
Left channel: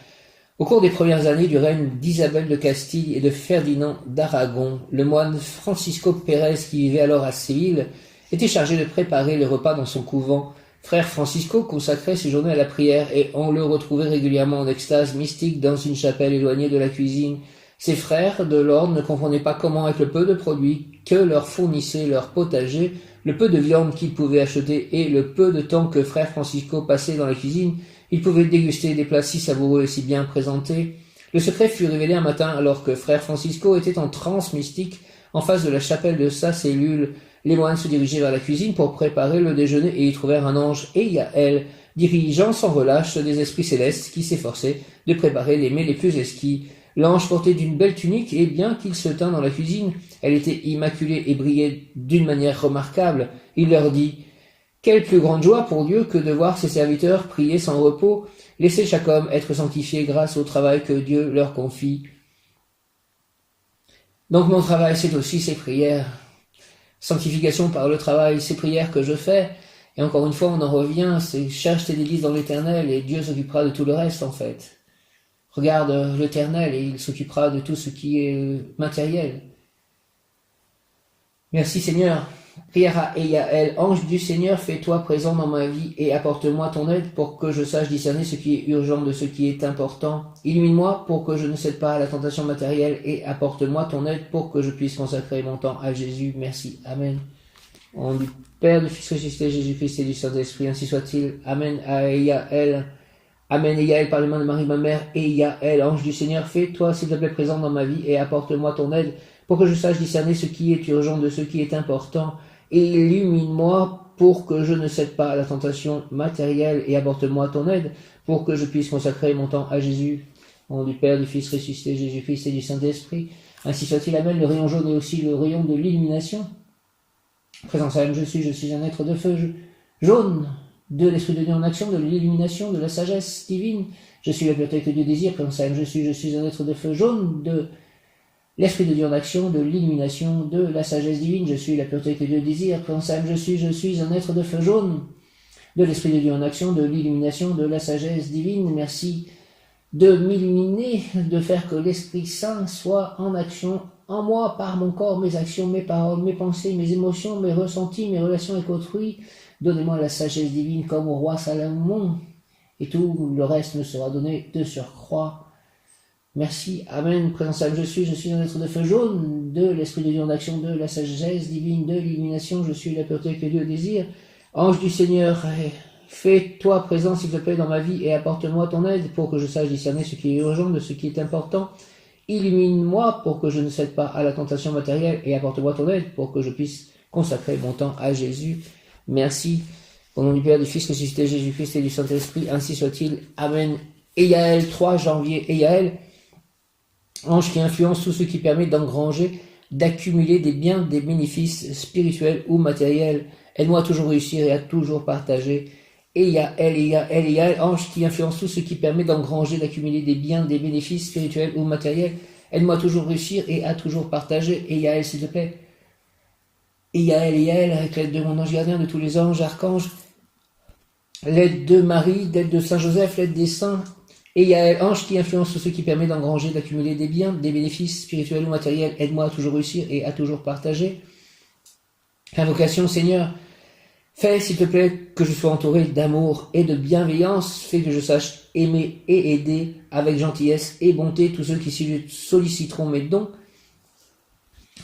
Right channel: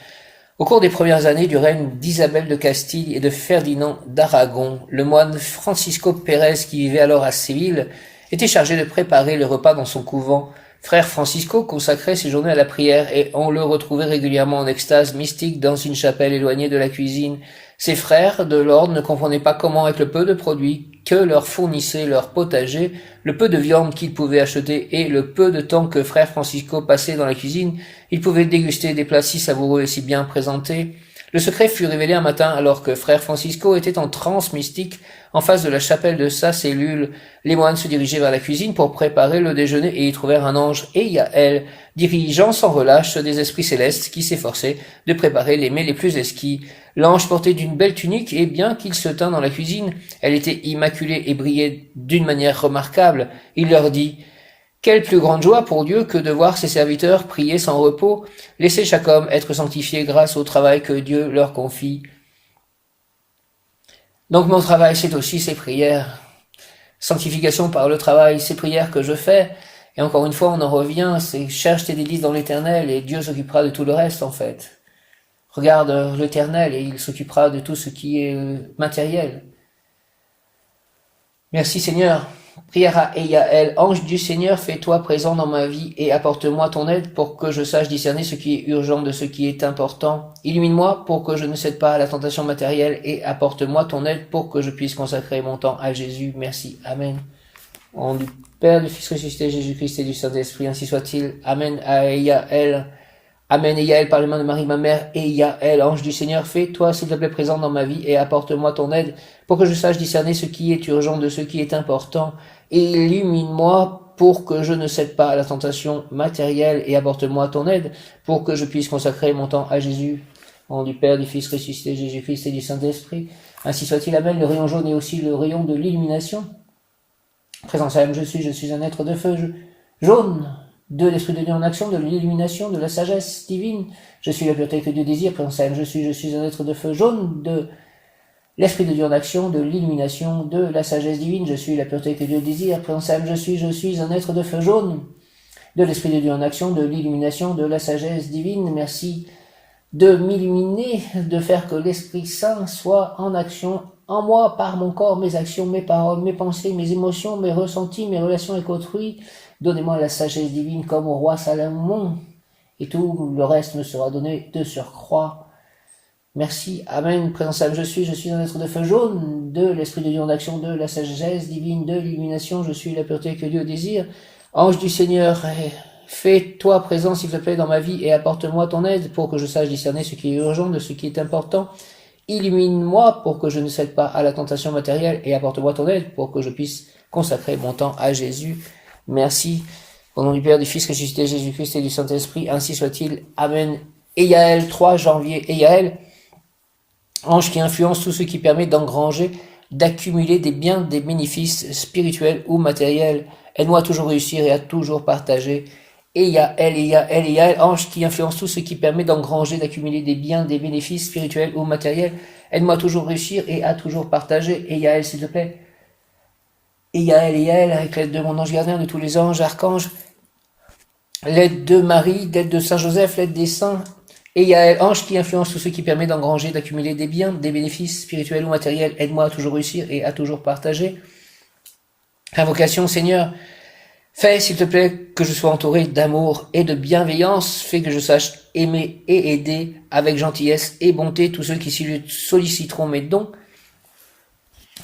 Au cours des premières années du règne d'Isabelle de Castille et de Ferdinand d'Aragon, le moine Francisco Pérez, qui vivait alors à Séville, était chargé de préparer le repas dans son couvent. Frère Francisco consacrait ses journées à la prière et on le retrouvait régulièrement en extase mystique dans une chapelle éloignée de la cuisine. Ses frères de l'ordre ne comprenaient pas comment, avec le peu de produits que leur fournissait leur potager, le peu de viande qu'ils pouvaient acheter et le peu de temps que frère Francisco passait dans la cuisine, ils pouvaient déguster des plats si savoureux et si bien présentés. Le secret fut révélé un matin alors que frère Francisco était en transe mystique en face de la chapelle de sa cellule. Les moines se dirigeaient vers la cuisine pour préparer le déjeuner et y trouvèrent un ange, Eyael, dirigeant sans relâche des esprits célestes qui s'efforçaient de préparer les mets les plus exquis. L'ange portait d'une belle tunique et bien qu'il se tînt dans la cuisine, elle était immaculée et brillait d'une manière remarquable. Il leur dit: quelle plus grande joie pour Dieu que de voir ses serviteurs prier sans repos, laisser chaque homme être sanctifié grâce au travail que Dieu leur confie. Donc mon travail, c'est aussi ces prières. Sanctification par le travail, ces prières que je fais. Et encore une fois, on en revient, c'est cherche tes délices dans l'Éternel et Dieu s'occupera de tout le reste en fait. Regarde l'Éternel et il s'occupera de tout ce qui est matériel. Merci Seigneur. Prière à Eyael, ange du Seigneur, fais-toi présent dans ma vie et apporte-moi ton aide pour que je sache discerner ce qui est urgent de ce qui est important. Illumine-moi pour que je ne cède pas à la tentation matérielle et apporte-moi ton aide pour que je puisse consacrer mon temps à Jésus. Merci. Amen. Au nom du Père, du Fils ressuscité, Jésus-Christ et du Saint-Esprit, ainsi soit-il. Amen à Eyael. Amen, Eyael, par les mains de Marie, ma mère. Eyael, ange du Seigneur, fais-toi, s'il te plaît, présent dans ma vie et apporte-moi ton aide pour que je sache discerner ce qui est urgent de ce qui est important, et illumine-moi pour que je ne cède pas à la tentation matérielle, et apporte-moi ton aide, pour que je puisse consacrer mon temps à Jésus. Au nom du Père, du Fils ressuscité, Jésus-Christ et du Saint-Esprit. Ainsi soit-il, amen. Le rayon jaune est aussi le rayon de l'illumination. Présence à je suis un être de feu jaune, de l'Esprit de Dieu en action, de l'illumination, de la sagesse divine. Je suis la pureté que Dieu désire. Présence à je suis un être de feu jaune, de l'Esprit de Dieu en action, de l'illumination, de la sagesse divine. Je suis la pureté que Dieu désire. Présence à je suis un être de feu jaune, de l'Esprit de Dieu en action, de l'illumination, de la sagesse divine. Merci de m'illuminer, de faire que l'Esprit Saint soit en action en moi, par mon corps, mes actions, mes paroles, mes pensées, mes émotions, mes ressentis, mes relations avec autrui. Donnez-moi la sagesse divine comme au roi Salomon, et tout le reste me sera donné de surcroît. Merci, amen. Présence à je suis un être de feu jaune, de l'Esprit de Dieu en action, de la sagesse divine, de l'illumination. Je suis la pureté que Dieu désire. Ange du Seigneur, fais-toi présent, s'il te plaît, dans ma vie et apporte-moi ton aide pour que je sache discerner ce qui est urgent de ce qui est important. Illumine-moi pour que je ne cède pas à la tentation matérielle et apporte-moi ton aide pour que je puisse consacrer mon temps à Jésus. Merci. Au nom du Père, du Fils ressuscité, Jésus-Christ et du Saint-Esprit, ainsi soit-il. Amen. Eyaël, 3 janvier. Eyaël, ange qui influence tout ce qui permet d'engranger, d'accumuler des biens, des bénéfices spirituels ou matériels. Aide-moi à toujours réussir et à toujours partager. Eyaël, ange qui influence tout ce qui permet d'engranger, d'accumuler des biens, des bénéfices spirituels ou matériels. Aide-moi à toujours réussir et à toujours partager. Eyaël, s'il te plaît. Eyaël, avec l'aide de mon ange gardien, de tous les anges, archanges, l'aide de Marie, l'aide de Saint Joseph, l'aide des saints. Eyaël, ange qui influence tout ce qui permet d'engranger, d'accumuler des biens, des bénéfices spirituels ou matériels. Aide-moi à toujours réussir et à toujours partager. Invocation, Seigneur. Fais, s'il te plaît, que je sois entouré d'amour et de bienveillance. Fais que je sache aimer et aider avec gentillesse et bonté tous ceux qui solliciteront mes dons.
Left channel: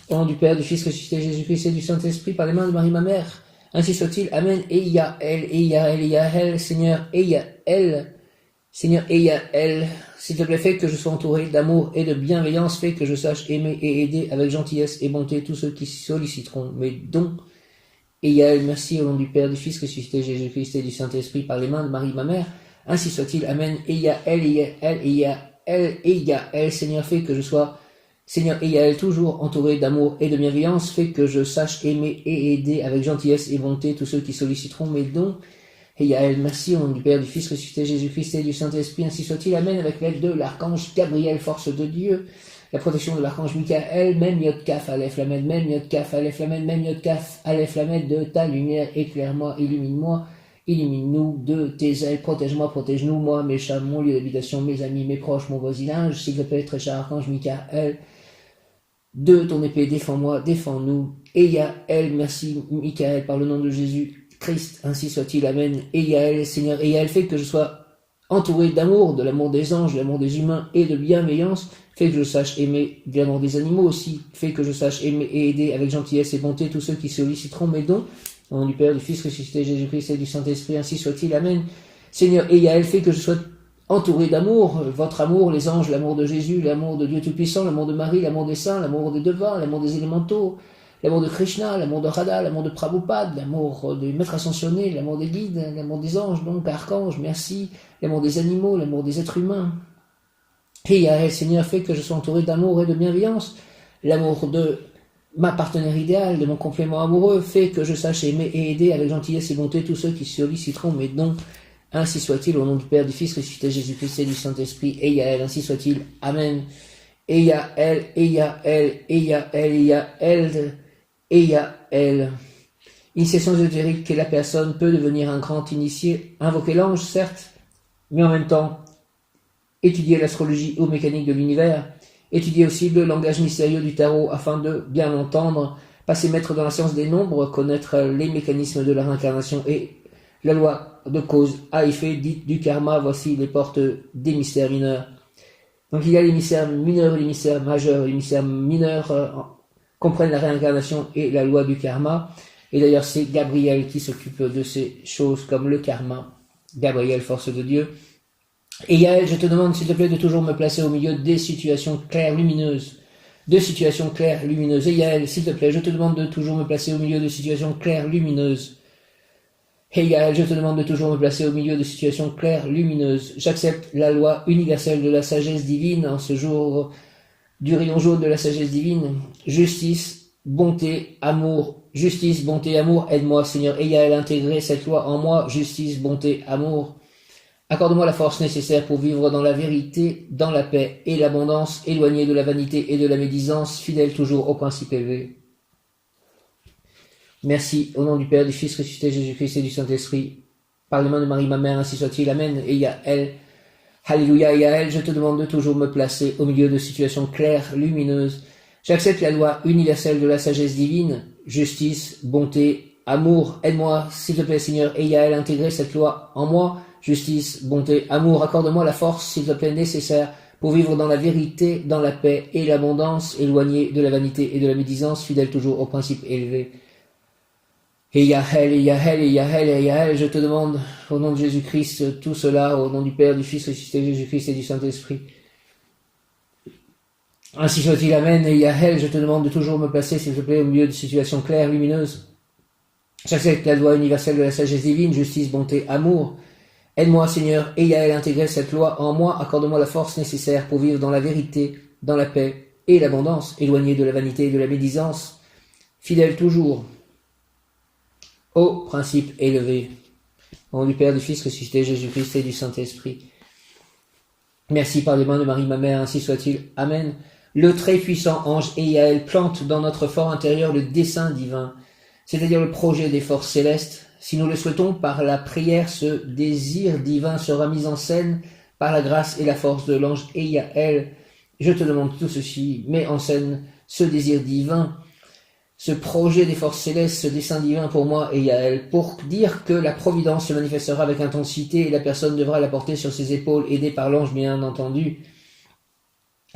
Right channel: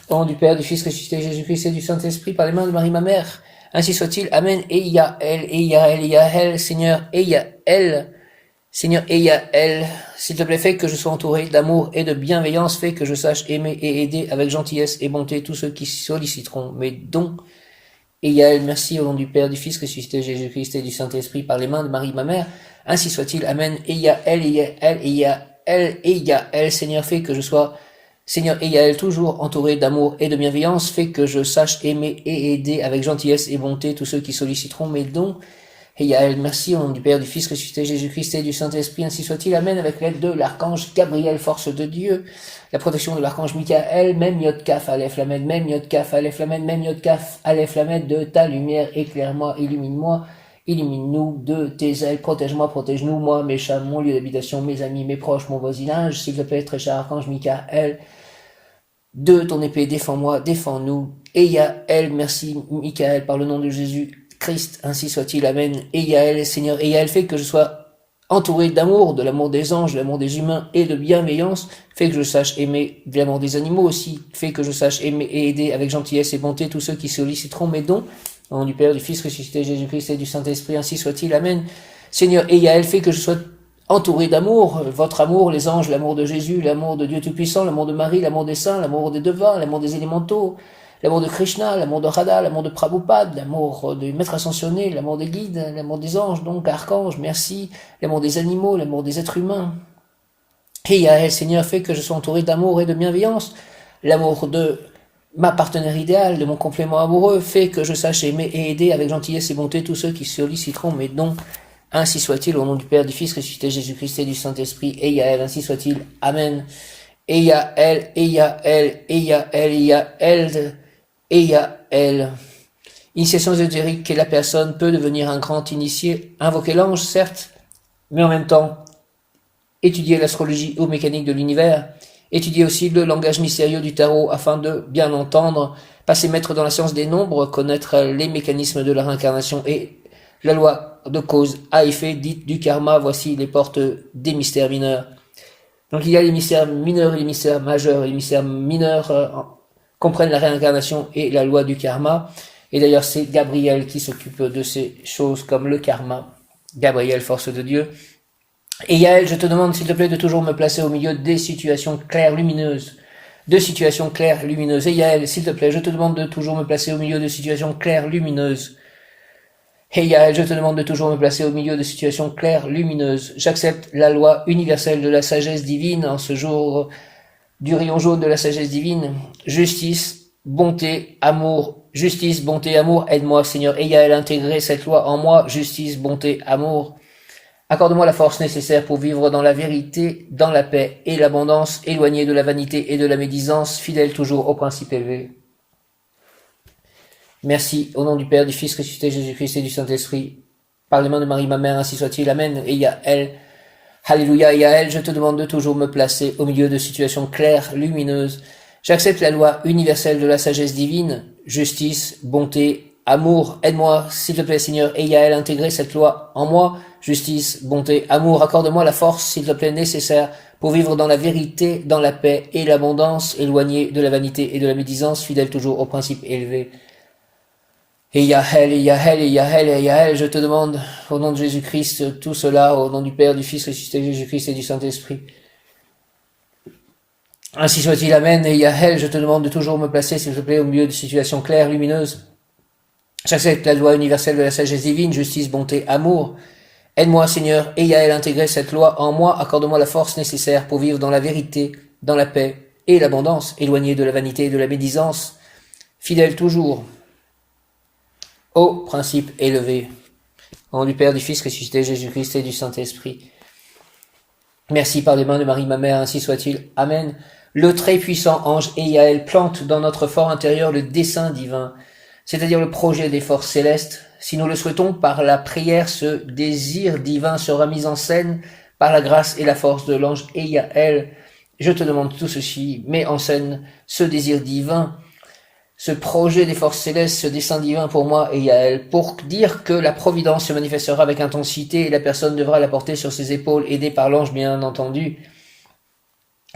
Au nom du Père, du Fils ressuscité, Jésus-Christ et du Saint-Esprit, par les mains de Marie, ma mère. Ainsi soit-il. Amen. Eyaël, Seigneur, Eyaël. Seigneur, Eyaël, s'il te plaît, fais que je sois entouré d'amour et de bienveillance. Fais que je sache aimer et aider avec gentillesse et bonté tous ceux qui solliciteront mes dons. Eyaël, merci au nom du Père, du Fils ressuscité, Jésus-Christ et du Saint-Esprit, par les mains de Marie, ma mère. Ainsi soit-il. Amen. Eyaël, Seigneur, fais que je sois, Seigneur, Eyaël, toujours entouré d'amour et de bienveillance. Fais que je sache aimer et aider avec gentillesse et bonté tous ceux qui solliciteront mes dons. Eyaël, merci au nom du Père, du Fils ressuscité, Jésus-Christ et du Saint-Esprit, ainsi soit-il. Amen. Avec l'aide de l'archange Gabriel, force de Dieu, la protection de l'archange Michael, même Yod Kaf, Aleph Lamed, même Yod Kaf, Aleph Lamed, même Yod Kaf, Aleph Lamed, de ta lumière, éclaire-moi, illumine-moi, illumine-nous de tes ailes, protège-moi, protège-nous, moi, mes chats, mon lieu d'habitation, mes amis, mes proches, mon voisinage, s'il te plaît, très cher archange Michael, de ton épée, défends-moi, défends-nous. Eyaël, merci Michael, par le nom de Jésus Christ, ainsi soit-il, amen. Eyaël, Seigneur, Eyaël, fait que je sois entouré d'amour, de l'amour des anges, de l'amour des humains et de bienveillance, fait que je sache aimer de l'amour des animaux aussi, fait que je sache aimer et aider avec gentillesse et bonté tous ceux qui solliciteront mes dons. Au nom du Père, du Fils ressuscité, Jésus-Christ et du Saint-Esprit, ainsi soit-il, amen. Seigneur, Eyaël, fait que je sois entouré d'amour, votre amour, les anges, l'amour de Jésus, l'amour de Dieu Tout-Puissant, l'amour de Marie, l'amour des saints, l'amour des devins, l'amour des élémentaux, l'amour de Krishna, l'amour de Radha, l'amour de Prabhupada, l'amour du Maître Ascensionné, l'amour des guides, l'amour des anges, donc archanges, merci, l'amour des animaux, l'amour des êtres humains. Et Seigneur, fait que je sois entouré d'amour et de bienveillance, l'amour de ma partenaire idéale, de mon complément amoureux, fait que je sache aimer et aider avec gentillesse et bonté tous ceux qui solliciteront mes dons. Ainsi soit-il, au nom du Père, du Fils ressuscité, Jésus-Christ et du Saint-Esprit, Eyaël, ainsi soit-il, amen. Eyaël, initiation ésotérique, la personne peut devenir un grand initié, invoquer l'ange, certes, mais en même temps, étudier l'astrologie ou mécanique de l'univers, étudier aussi le langage mystérieux du tarot afin de bien l'entendre, passer maître dans la science des nombres, connaître les mécanismes de la réincarnation et la loi de cause à effet dite du karma. Voici les portes des mystères mineurs. Donc il y a les mystères mineurs et les mystères majeurs. Les mystères mineurs comprennent la réincarnation et la loi du karma. Et d'ailleurs c'est Gabriel qui s'occupe de ces choses comme le karma. Gabriel, force de Dieu. Et Yael, je te demande s'il te plaît de toujours me placer au milieu des situations claires, lumineuses, de situations claires, lumineuses. Et Yael, s'il te plaît, je te demande de toujours me placer au milieu de situations claires, lumineuses. Et Yael, je te demande de toujours me placer au milieu de situations claires, lumineuses. J'accepte la loi universelle de la sagesse divine en ce jour du rayon jaune de la sagesse divine. Justice, bonté, amour. Justice, bonté, amour. Aide-moi, Seigneur. Et Yael, intégrer cette loi en moi. Justice, bonté, amour. Accorde-moi la force nécessaire pour vivre dans la vérité, dans la paix et l'abondance, éloigné de la vanité et de la médisance, fidèle toujours au principe élevé. Merci, au nom du Père, du Fils ressuscité Jésus-Christ et du Saint-Esprit, par les mains de Marie, ma mère, ainsi soit-il. Amen. Et Yael, Alléluia, et Yael, je te demande de toujours me placer au milieu de situations claires, lumineuses. J'accepte la loi universelle de la sagesse divine, justice, bonté, amour. Aide-moi, s'il te plaît, Seigneur, et Yael, intégrer cette loi en moi. Justice, bonté, amour, accorde-moi la force, s'il te plaît, nécessaire pour vivre dans la vérité, dans la paix et l'abondance, éloigné de la vanité et de la médisance, fidèle toujours au principe élevé. Et Yael, et Yael, et Yael, et Yael, je te demande, au nom de Jésus-Christ, tout cela, au nom du Père, du Fils ressuscité Jésus-Christ et du Saint-Esprit. Ainsi soit-il, amen, et Yael, je te demande de toujours me placer, s'il te plaît, au milieu de situations claires, lumineuses. J'accepte la loi universelle de la sagesse divine, justice, bonté, amour. Aide-moi, Seigneur, et Yael, intégrer cette loi en moi, accorde-moi la force nécessaire pour vivre dans la vérité, dans la paix et l'abondance, éloigné de la vanité et de la médisance, fidèle toujours au principe élevé. Au nom du Père, du Fils ressuscité, Jésus-Christ et du Saint-Esprit. Merci par les mains de Marie, ma mère, ainsi soit-il. Amen. Le très puissant ange Yael plante dans notre fort intérieur le dessein divin, c'est-à-dire le projet des forces célestes. Si nous le souhaitons, par la prière, ce désir divin sera mis en scène par la grâce et la force de l'ange Yael. Je te demande tout ceci, mets en scène ce désir divin, ce projet des forces célestes, ce dessein divin pour moi Yael, pour dire que la providence se manifestera avec intensité et la personne devra la porter sur ses épaules, aidée par l'ange bien entendu.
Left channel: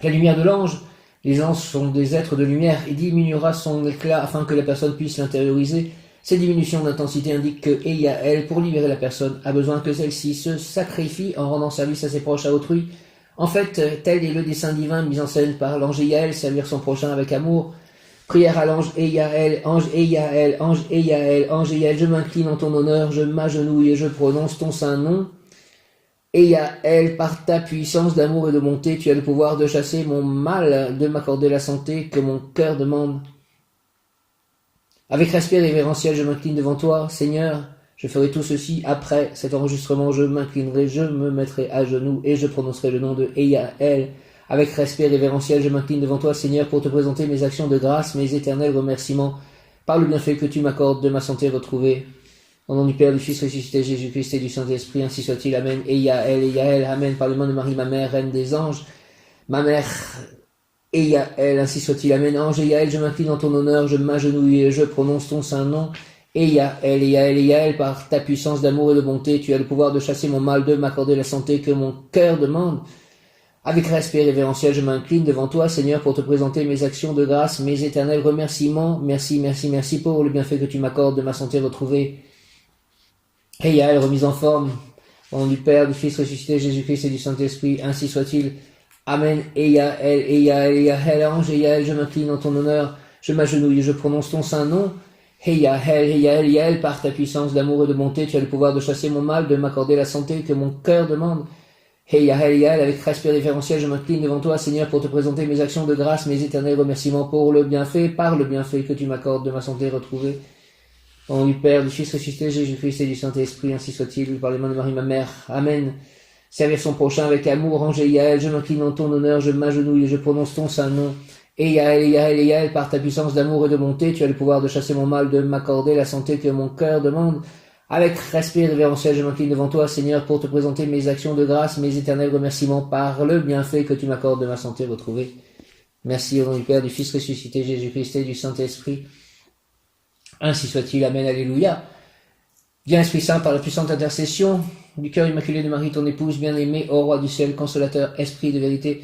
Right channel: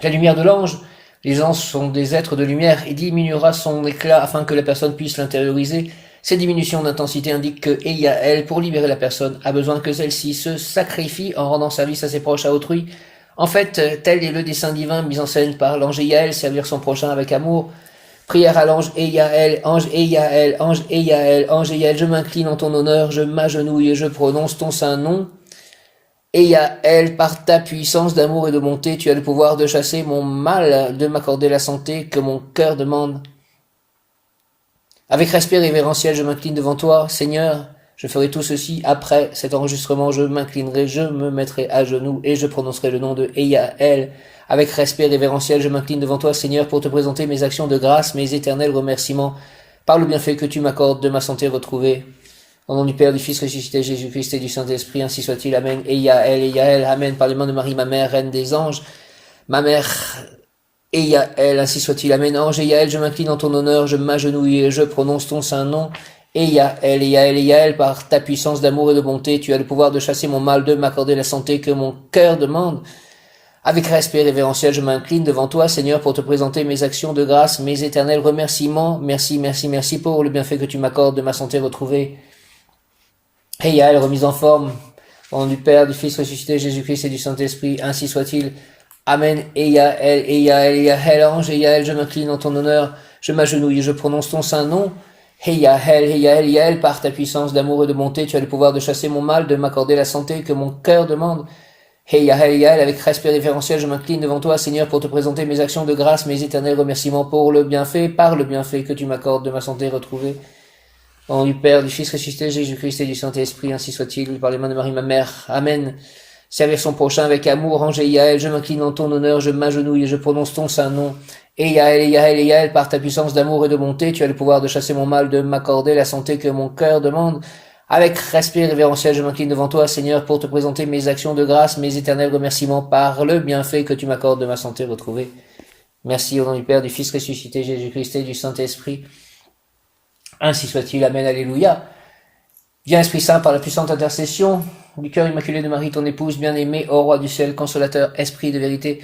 La lumière de l'ange, les anges sont des êtres de lumière, et diminuera son éclat afin que la personne puisse l'intérioriser. Ces diminutions d'intensité indiquent que Yael, pour libérer la personne, a besoin que celle-ci se sacrifie en rendant service à ses proches, à autrui. En fait, tel est le dessein divin mis en scène par l'ange Yael, servir son prochain avec amour. Prière à l'ange Yael, ange Yael, ange Yael, ange Yael, je m'incline en ton honneur, je m'agenouille et je prononce ton saint nom. Yael, par ta puissance d'amour et de bonté, tu as le pouvoir de chasser mon mal, de m'accorder la santé que mon cœur demande. Avec respect révérentiel, je m'incline devant toi, Seigneur. Je ferai tout ceci après cet enregistrement. Je m'inclinerai, je me mettrai à genoux et je prononcerai le nom de Yael. Avec respect révérentiel, je m'incline devant toi, Seigneur, pour te présenter mes actions de grâce, mes éternels remerciements, par le bienfait que tu m'accordes de ma santé retrouvée. Au nom du Père, du Fils ressuscité, Jésus-Christ et du Saint-Esprit, ainsi soit-il. Amen. Yael, amen. Par les mains de Marie, ma mère, reine des anges, ma mère, Yael, ainsi soit-il. Amen. Ange Yael, je m'incline en ton honneur, je m'agenouille et je prononce ton saint nom. Yael, par ta puissance d'amour et de bonté, tu as le pouvoir de chasser mon mal, de m'accorder la santé que mon cœur demande. Avec respect révérentiel, je m'incline devant toi, Seigneur, pour te présenter mes actions de grâce, mes éternels remerciements. Merci, merci, merci pour le bienfait que tu m'accordes de ma santé retrouvée. Yael, remise en forme, au nom du Père, du Fils ressuscité, Jésus-Christ et du Saint-Esprit, ainsi soit-il. Amen. Yael, ange Yael, je m'incline en ton honneur, je m'agenouille et je prononce ton saint nom. Yael, par ta puissance d'amour et de bonté, tu as le pouvoir de chasser mon mal, de m'accorder la santé que mon cœur demande. Yael, avec respect révérentiel, je m'incline devant toi, Seigneur, pour te présenter mes actions de grâce, mes éternels remerciements pour le bienfait, par le bienfait que tu m'accordes de ma santé retrouvée. Au nom du Père, du Fils ressuscité, Jésus-Christ et du Saint-Esprit, ainsi soit-il, par les mains de Marie, ma mère. Amen. Servir son prochain avec amour, ange Yael, je m'incline en ton honneur, je m'agenouille et je prononce ton saint nom. Yael, par ta puissance d'amour et de bonté, tu as le pouvoir de chasser mon mal, de m'accorder la santé que mon cœur demande. Avec respect révérentiel, je m'incline devant toi, Seigneur, pour te présenter mes actions de grâce, mes éternels remerciements par le bienfait que tu m'accordes de ma santé retrouvée. Merci au nom du Père, du Fils ressuscité, Jésus-Christ et du Saint-Esprit. Ainsi soit-il. Amen. Alléluia. Viens, Esprit Saint, par la puissante intercession du cœur immaculé de Marie, ton épouse bien-aimée, ô Roi du ciel, consolateur, Esprit de vérité,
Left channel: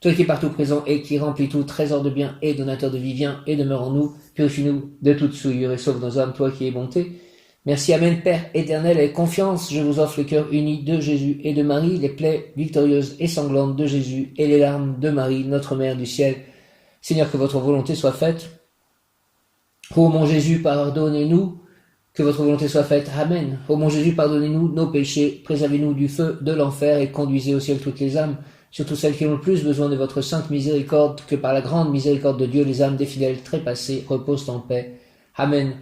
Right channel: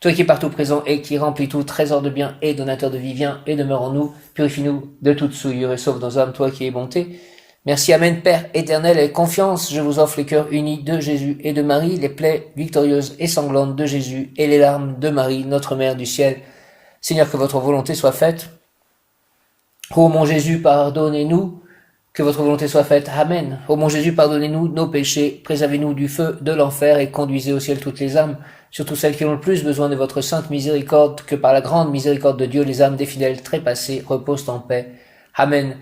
toi qui es partout présent et qui remplis tout trésor de bien et donateur de vie, viens et demeure en nous, purifie-nous de toute souillure et sauve nos âmes, toi qui es bonté. Merci, Amen, Père éternel, et confiance, je vous offre les cœurs unis de Jésus et de Marie, les plaies victorieuses et sanglantes de Jésus et les larmes de Marie, notre Mère du ciel. Seigneur, que votre volonté soit faite. Ô mon Jésus, pardonnez-nous, que votre volonté soit faite. Amen. Ô mon Jésus, pardonnez-nous nos péchés, préservez-nous du feu de l'enfer et conduisez au ciel toutes les âmes, surtout celles qui ont le plus besoin de votre sainte miséricorde, que par la grande miséricorde de Dieu, les âmes des fidèles trépassés reposent en paix. Amen.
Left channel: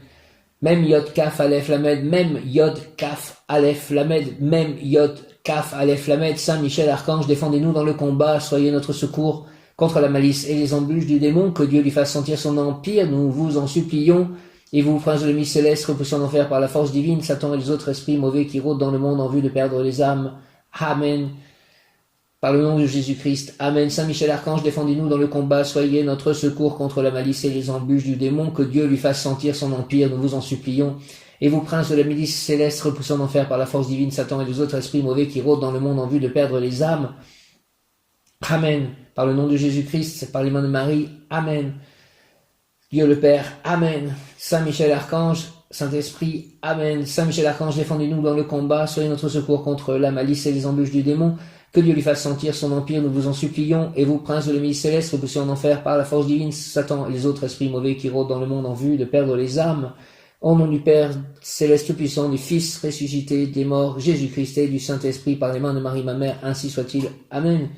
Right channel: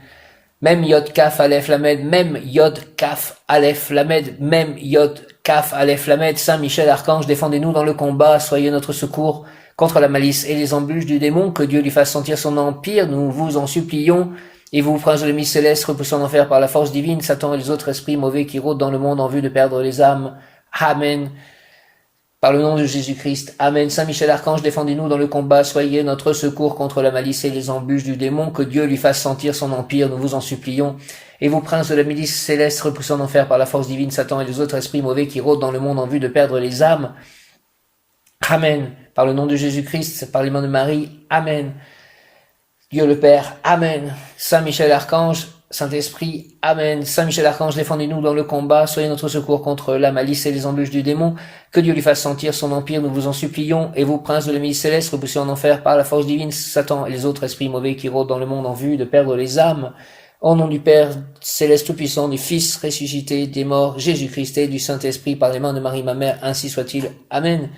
Même Yod Kaf Aleph Lamed, même Yod Kaf Aleph Lamed, même Yod Kaf Aleph Lamed. Saint Michel Archange, défendez-nous dans le combat, soyez notre secours contre la malice et les embûches du démon, que Dieu lui fasse sentir son empire, nous vous en supplions. Et vous, prince de l'ennemi céleste, repoussant en enfer par la force divine, Satan et les autres esprits mauvais qui rôdent dans le monde en vue de perdre les âmes. Amen. Par le nom de Jésus-Christ. Amen. Saint Michel Archange, défendez-nous dans le combat, soyez notre secours contre la malice et les embûches du démon, que Dieu lui fasse sentir son empire, nous vous en supplions. Et vous, prince de la milice céleste, repoussant en enfer par la force divine, Satan et les autres esprits mauvais qui rôdent dans le monde en vue de perdre les âmes. Amen. Par le nom de Jésus-Christ, par les mains de Marie. Amen. Dieu le Père. Amen. Saint Michel Archange, Saint-Esprit. Amen. Saint Michel Archange, défendez-nous dans le combat, soyez notre secours contre la malice et les embûches du démon, que Dieu lui fasse sentir son empire, nous vous en supplions. Et vous, princes de la milice céleste, repoussés en enfer par la force divine, Satan et les autres esprits mauvais qui rôdent dans le monde en vue de perdre les âmes, au nom du Père céleste tout-puissant, du Fils ressuscité des morts, Jésus-Christ et du Saint-Esprit, par les mains de Marie, ma mère, ainsi soit-il. Amen.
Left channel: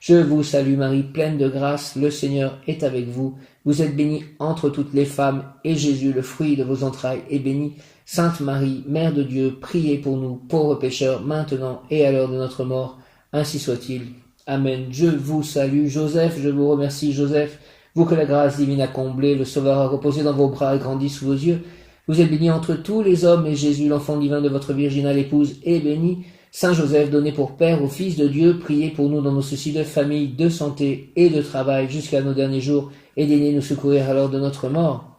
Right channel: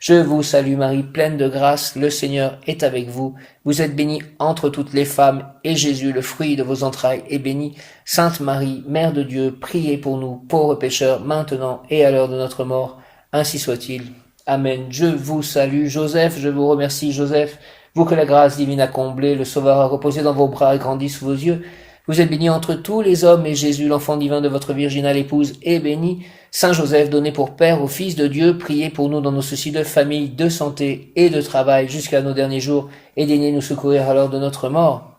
Je vous salue Marie, pleine de grâce, le Seigneur est avec vous. Vous êtes bénie entre toutes les femmes, et Jésus, le fruit de vos entrailles, est béni. Sainte Marie, Mère de Dieu, priez pour nous, pauvres pécheurs, maintenant et à l'heure de notre mort. Ainsi soit-il. Amen. Je vous salue Joseph, je vous remercie Joseph, vous que la grâce divine a comblé, le Sauveur a reposé dans vos bras et grandi sous vos yeux. Vous êtes béni entre tous les hommes, et Jésus, l'enfant divin de votre virginale épouse, est béni. Saint Joseph, donné pour Père au Fils de Dieu, priez pour nous dans nos soucis de famille, de santé et de travail jusqu'à nos derniers jours, et daignez nous secourir à l'heure de notre mort.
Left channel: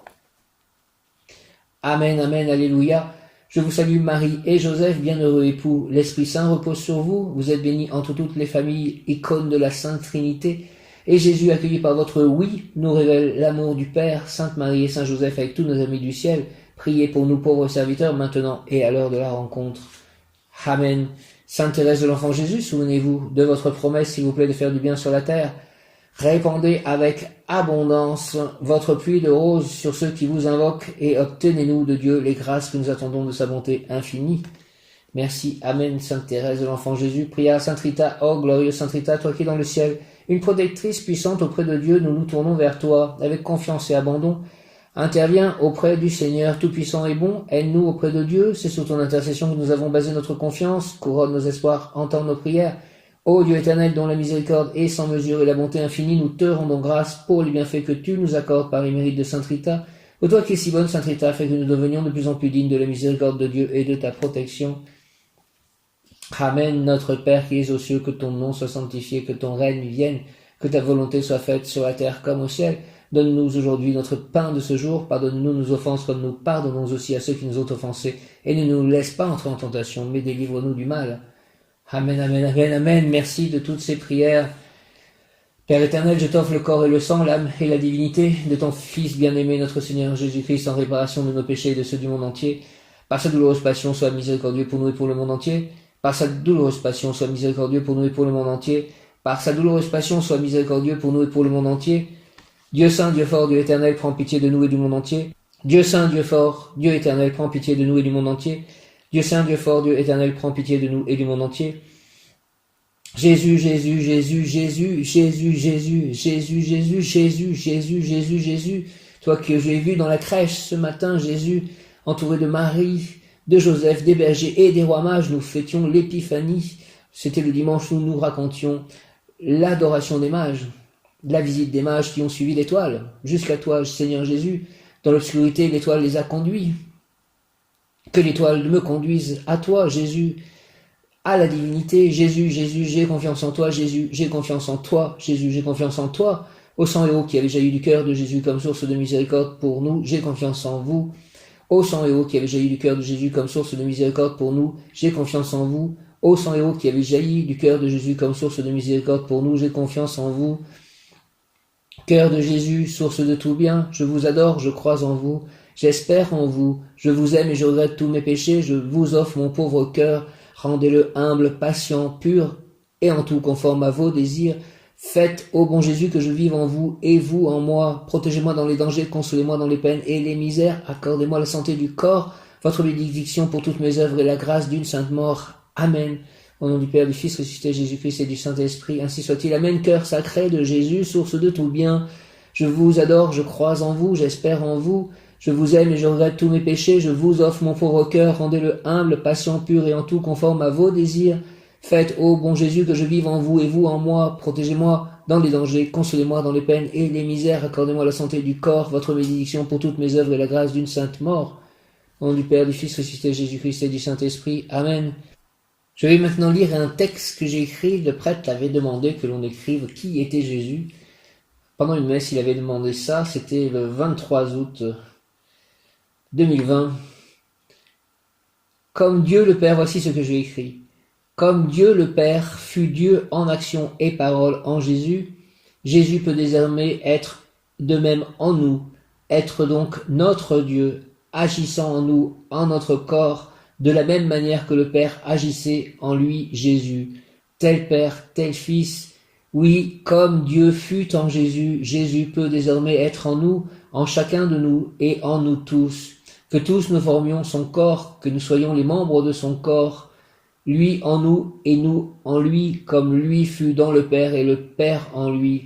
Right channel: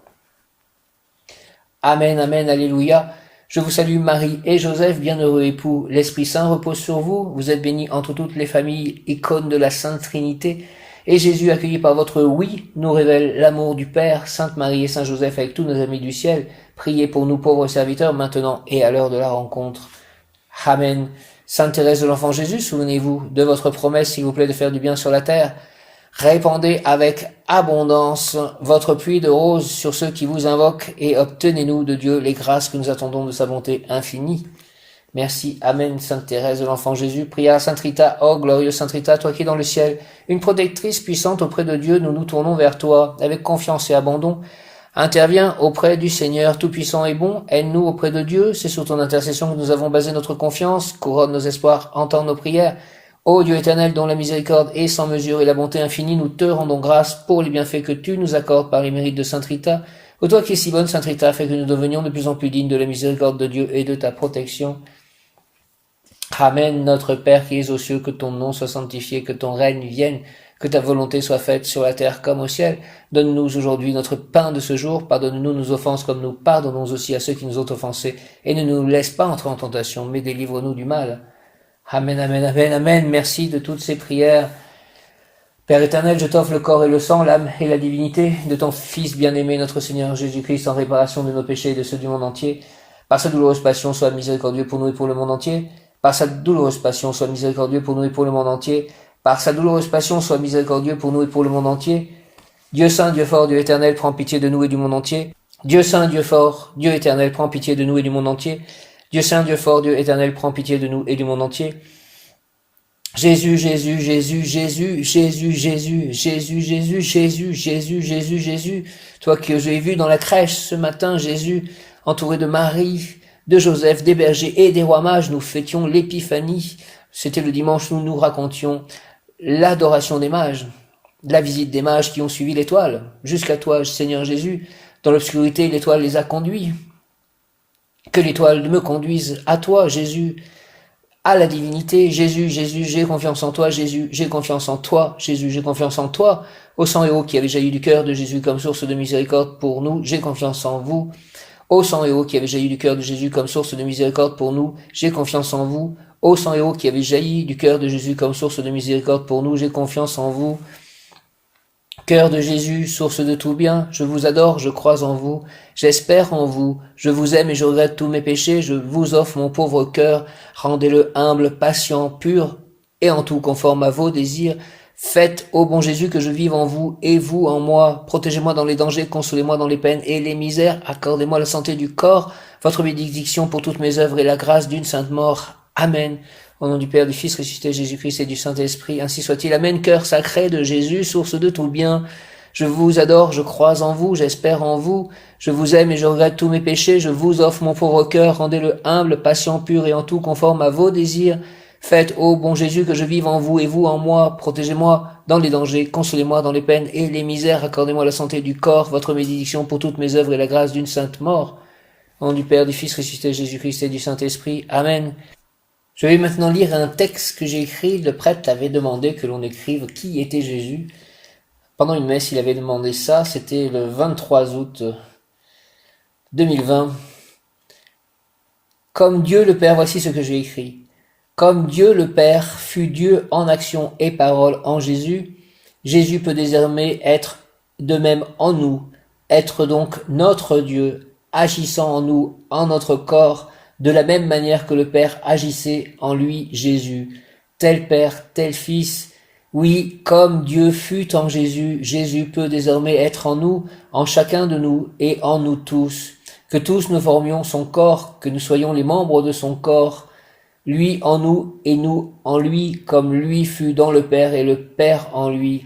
Amen, amen, alléluia. Je vous salue Marie et Joseph, bienheureux époux. L'Esprit Saint repose sur vous. Vous êtes bénis entre toutes les familles, icônes de la Sainte Trinité. Et Jésus, accueilli par votre oui, nous révèle l'amour du Père. Sainte Marie et Saint Joseph, avec tous nos amis du ciel, priez pour nous pauvres serviteurs, maintenant et à l'heure de la rencontre. Amen. Sainte Thérèse de l'Enfant Jésus, souvenez-vous de votre promesse, s'il vous plaît, de faire du bien sur la terre. Répandez avec abondance votre pluie de roses sur ceux qui vous invoquent et obtenez-nous de Dieu les grâces que nous attendons de sa bonté infinie. Merci. Amen. Sainte Thérèse de l'Enfant Jésus, prière à Sainte Rita. Oh, glorieuse Sainte Rita, toi qui es dans le ciel, une protectrice puissante auprès de Dieu, nous nous tournons vers toi avec confiance et abandon. Interviens auprès du Seigneur tout-puissant et bon, aide-nous auprès de Dieu, c'est sur ton intercession que nous avons basé notre confiance, couronne nos espoirs, entends nos prières. Ô Dieu éternel, dont la miséricorde est sans mesure et la bonté infinie, nous te rendons grâce pour les bienfaits que tu nous accordes par les mérites de Sainte Rita. Ô toi qui es si bonne, Sainte Rita, fais que nous devenions de plus en plus dignes de la miséricorde de Dieu et de ta protection. Amen, notre Père qui es aux cieux, que ton nom soit sanctifié, que ton règne vienne, que ta volonté soit faite sur la terre comme au ciel. Donne-nous aujourd'hui notre pain de ce jour, pardonne-nous nos offenses comme nous pardonnons aussi à ceux qui nous ont offensés, et ne nous laisse pas entrer en tentation, mais délivre-nous du mal. Amen, amen, amen, amen. Merci de toutes ces prières. Père éternel, je t'offre le corps et le sang, l'âme et la divinité de ton Fils bien-aimé, notre Seigneur Jésus-Christ, en réparation de nos péchés et de ceux du monde entier. Par sa douloureuse passion, sois miséricordieux pour nous et pour le monde entier. Par sa douloureuse passion, sois miséricordieux pour nous et pour le monde entier. Par sa douloureuse passion, sois miséricordieux pour nous et pour le monde entier. Dieu saint, Dieu fort, Dieu éternel, prends pitié de nous et du monde entier. Dieu saint, Dieu fort, Dieu éternel, prends pitié de nous et du monde entier. Dieu saint, Dieu fort, Dieu éternel, prends pitié de nous et du monde entier. Jésus, Jésus, Jésus, Jésus, Jésus, Jésus, Jésus, Jésus, Jésus, Jésus, Jésus, Jésus. Toi que j'ai vu dans la crèche ce matin, Jésus, entouré de Marie, de Joseph, des bergers et des rois mages, nous fêtions l'épiphanie. C'était le dimanche où nous racontions l'adoration des mages, la visite des mages qui ont suivi l'étoile. Jusqu'à toi, Seigneur Jésus, dans l'obscurité, l'étoile les a conduits. Que l'étoile me conduise à toi, Jésus, à la divinité. Jésus, Jésus, j'ai confiance en toi. Jésus, j'ai confiance en toi. Jésus, j'ai confiance en toi. Au sang et eau qui avait jailli du cœur de Jésus comme source de miséricorde pour nous, j'ai confiance en vous. Au sang et eau qui avait jailli du cœur de Jésus comme source de miséricorde pour nous, j'ai confiance en vous. Au sang et eau qui avait jailli du cœur de Jésus comme source de miséricorde pour nous, j'ai confiance en vous. Cœur de Jésus, source de tout bien, je vous adore, je crois en vous, j'espère en vous, je vous aime et je regrette tous mes péchés, je vous offre mon pauvre cœur, rendez-le humble, patient, pur, et en tout conforme à vos désirs. Faites, ô bon Jésus, que je vive en vous et vous en moi. Protégez-moi dans les dangers, consolez-moi dans les peines et les misères. Accordez-moi la santé du corps, votre bénédiction pour toutes mes œuvres et la grâce d'une sainte mort. Amen. Au nom du Père, du Fils, ressuscité Jésus-Christ et du Saint-Esprit, ainsi soit-il. Amen. Cœur sacré de Jésus, source de tout bien. Je vous adore, je crois en vous, j'espère en vous. Je vous aime et je regrette tous mes péchés. Je vous offre mon pauvre cœur, rendez-le humble, patient, pur et en tout conforme à vos désirs. Faites, ô bon Jésus, que je vive en vous et vous en moi. Protégez-moi dans les dangers, consolez-moi dans les peines et les misères. Accordez-moi la santé du corps, votre bénédiction pour toutes mes œuvres et la grâce d'une sainte mort. Au nom du Père, du Fils, ressuscité Jésus-Christ et du Saint-Esprit. Amen. Je vais maintenant lire un texte que j'ai écrit. Le prêtre avait demandé que l'on écrive qui était Jésus. Pendant une messe, il avait demandé ça. C'était le 23 août 2020. Comme Dieu le Père, voici ce que j'ai écrit. Comme Dieu le Père fut Dieu en action et parole en Jésus, Jésus peut désormais être de même en nous, être donc notre Dieu, agissant en nous, en notre corps, de la même manière que le Père agissait en lui, Jésus. Tel Père, tel Fils. Oui, comme Dieu fut en Jésus, Jésus peut désormais être en nous, en chacun de nous et en nous tous. Que tous nous formions son corps, que nous soyons les membres de son corps, lui en nous et nous en lui, comme lui fut dans le Père et le Père en lui.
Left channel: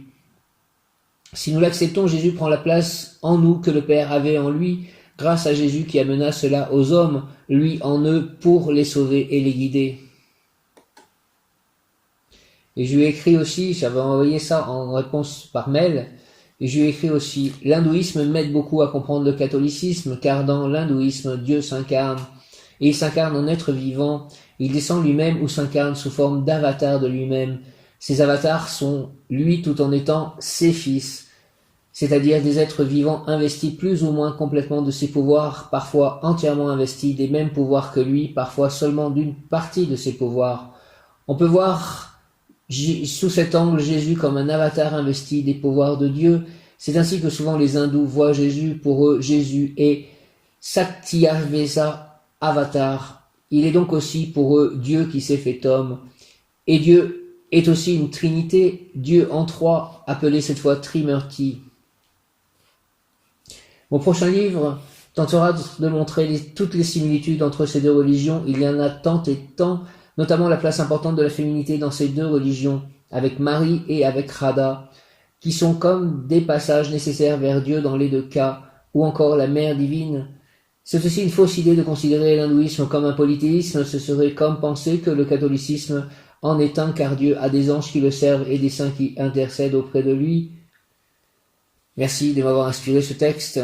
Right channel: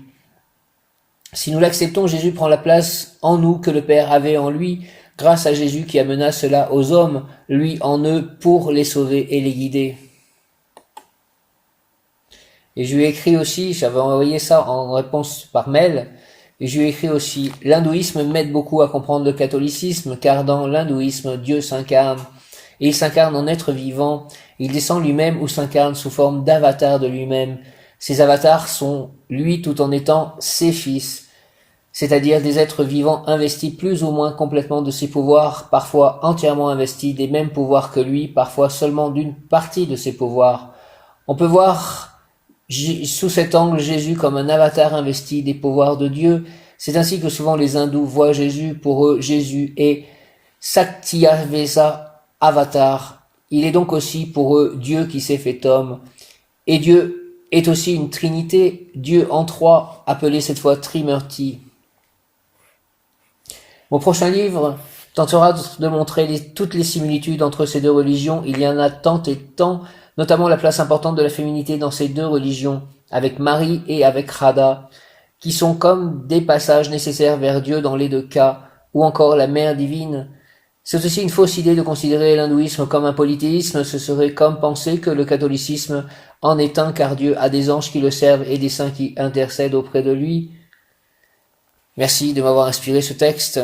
Si nous l'acceptons, Jésus prend la place en nous que le Père avait en lui, grâce à Jésus qui amena cela aux hommes, lui en eux, pour les sauver et les guider. Et je lui ai écrit aussi, j'avais envoyé ça en réponse par mail, et je lui ai écrit aussi, l'hindouisme m'aide beaucoup à comprendre le catholicisme, car dans l'hindouisme, Dieu s'incarne, et il s'incarne en être vivant, il descend lui-même ou s'incarne sous forme d'avatar de lui-même. Ces avatars sont lui tout en étant ses fils, c'est-à-dire des êtres vivants investis plus ou moins complètement de ses pouvoirs, parfois entièrement investis des mêmes pouvoirs que lui, parfois seulement d'une partie de ses pouvoirs. On peut voir sous cet angle Jésus comme un avatar investi des pouvoirs de Dieu. C'est ainsi que souvent les hindous voient Jésus. Pour eux, Jésus est Sakyavesa avatar. Il est donc aussi pour eux Dieu qui s'est fait homme. Et Dieu est aussi une trinité, Dieu en trois, appelé cette fois Trimurti. Mon prochain livre tentera de montrer toutes les similitudes entre ces deux religions. Il y en a tant et tant, notamment la place importante de la féminité dans ces deux religions, avec Marie et avec Radha, qui sont comme des passages nécessaires vers Dieu dans les deux cas, ou encore la Mère divine. C'est aussi une fausse idée de considérer l'hindouisme comme un polythéisme. Ce serait comme penser que le catholicisme en est un, car Dieu a des anges qui le servent et des saints qui intercèdent auprès de lui. Merci de m'avoir inspiré ce texte.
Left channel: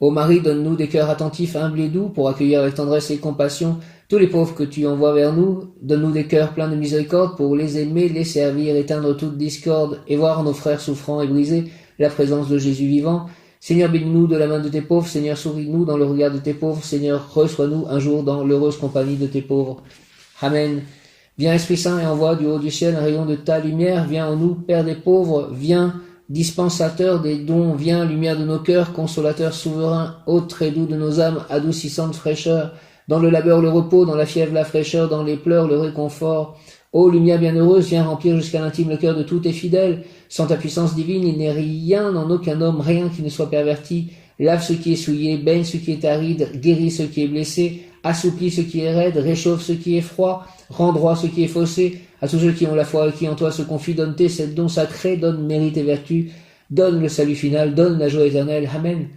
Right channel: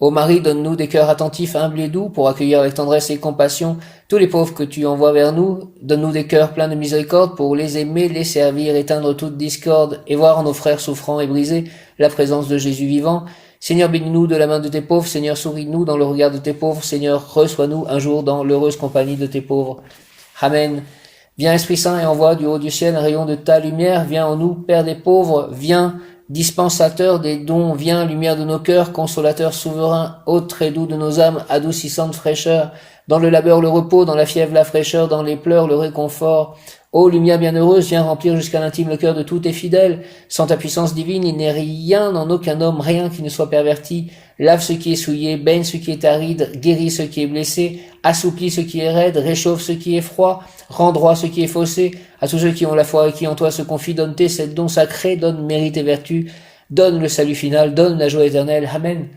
Ô Marie, donne-nous des cœurs attentifs, humbles et doux, pour accueillir avec tendresse et compassion tous les pauvres que tu envoies vers nous. Donne-nous des cœurs pleins de miséricorde pour les aimer, les servir, éteindre toute discorde et voir en nos frères souffrants et brisés la présence de Jésus vivant. Seigneur, bénis-nous de la main de tes pauvres. Seigneur, souris-nous dans le regard de tes pauvres. Seigneur, reçois-nous un jour dans l'heureuse compagnie de tes pauvres. Amen. Viens Esprit Saint et envoie du haut du ciel un rayon de ta lumière. Viens en nous, Père des pauvres. Viens, dispensateur des dons. Viens, lumière de nos cœurs, consolateur souverain, hôte très doux de nos âmes, adoucissante fraîcheur. Dans le labeur, le repos, dans la fièvre, la fraîcheur, dans les pleurs, le réconfort. Ô lumière bienheureuse, viens remplir jusqu'à l'intime le cœur de tous tes fidèles. Sans ta puissance divine, il n'est rien en aucun homme, rien qui ne soit perverti. Lave ce qui est souillé, baigne ce qui est aride, guéris ce qui est blessé, assouplis ce qui est raide, réchauffe ce qui est froid, rend droit ce qui est faussé. À tous ceux qui ont la foi et qui en toi se confient, donne tes sept dons sacrés, donne mérite et vertu, donne le salut final, donne la joie éternelle. Amen.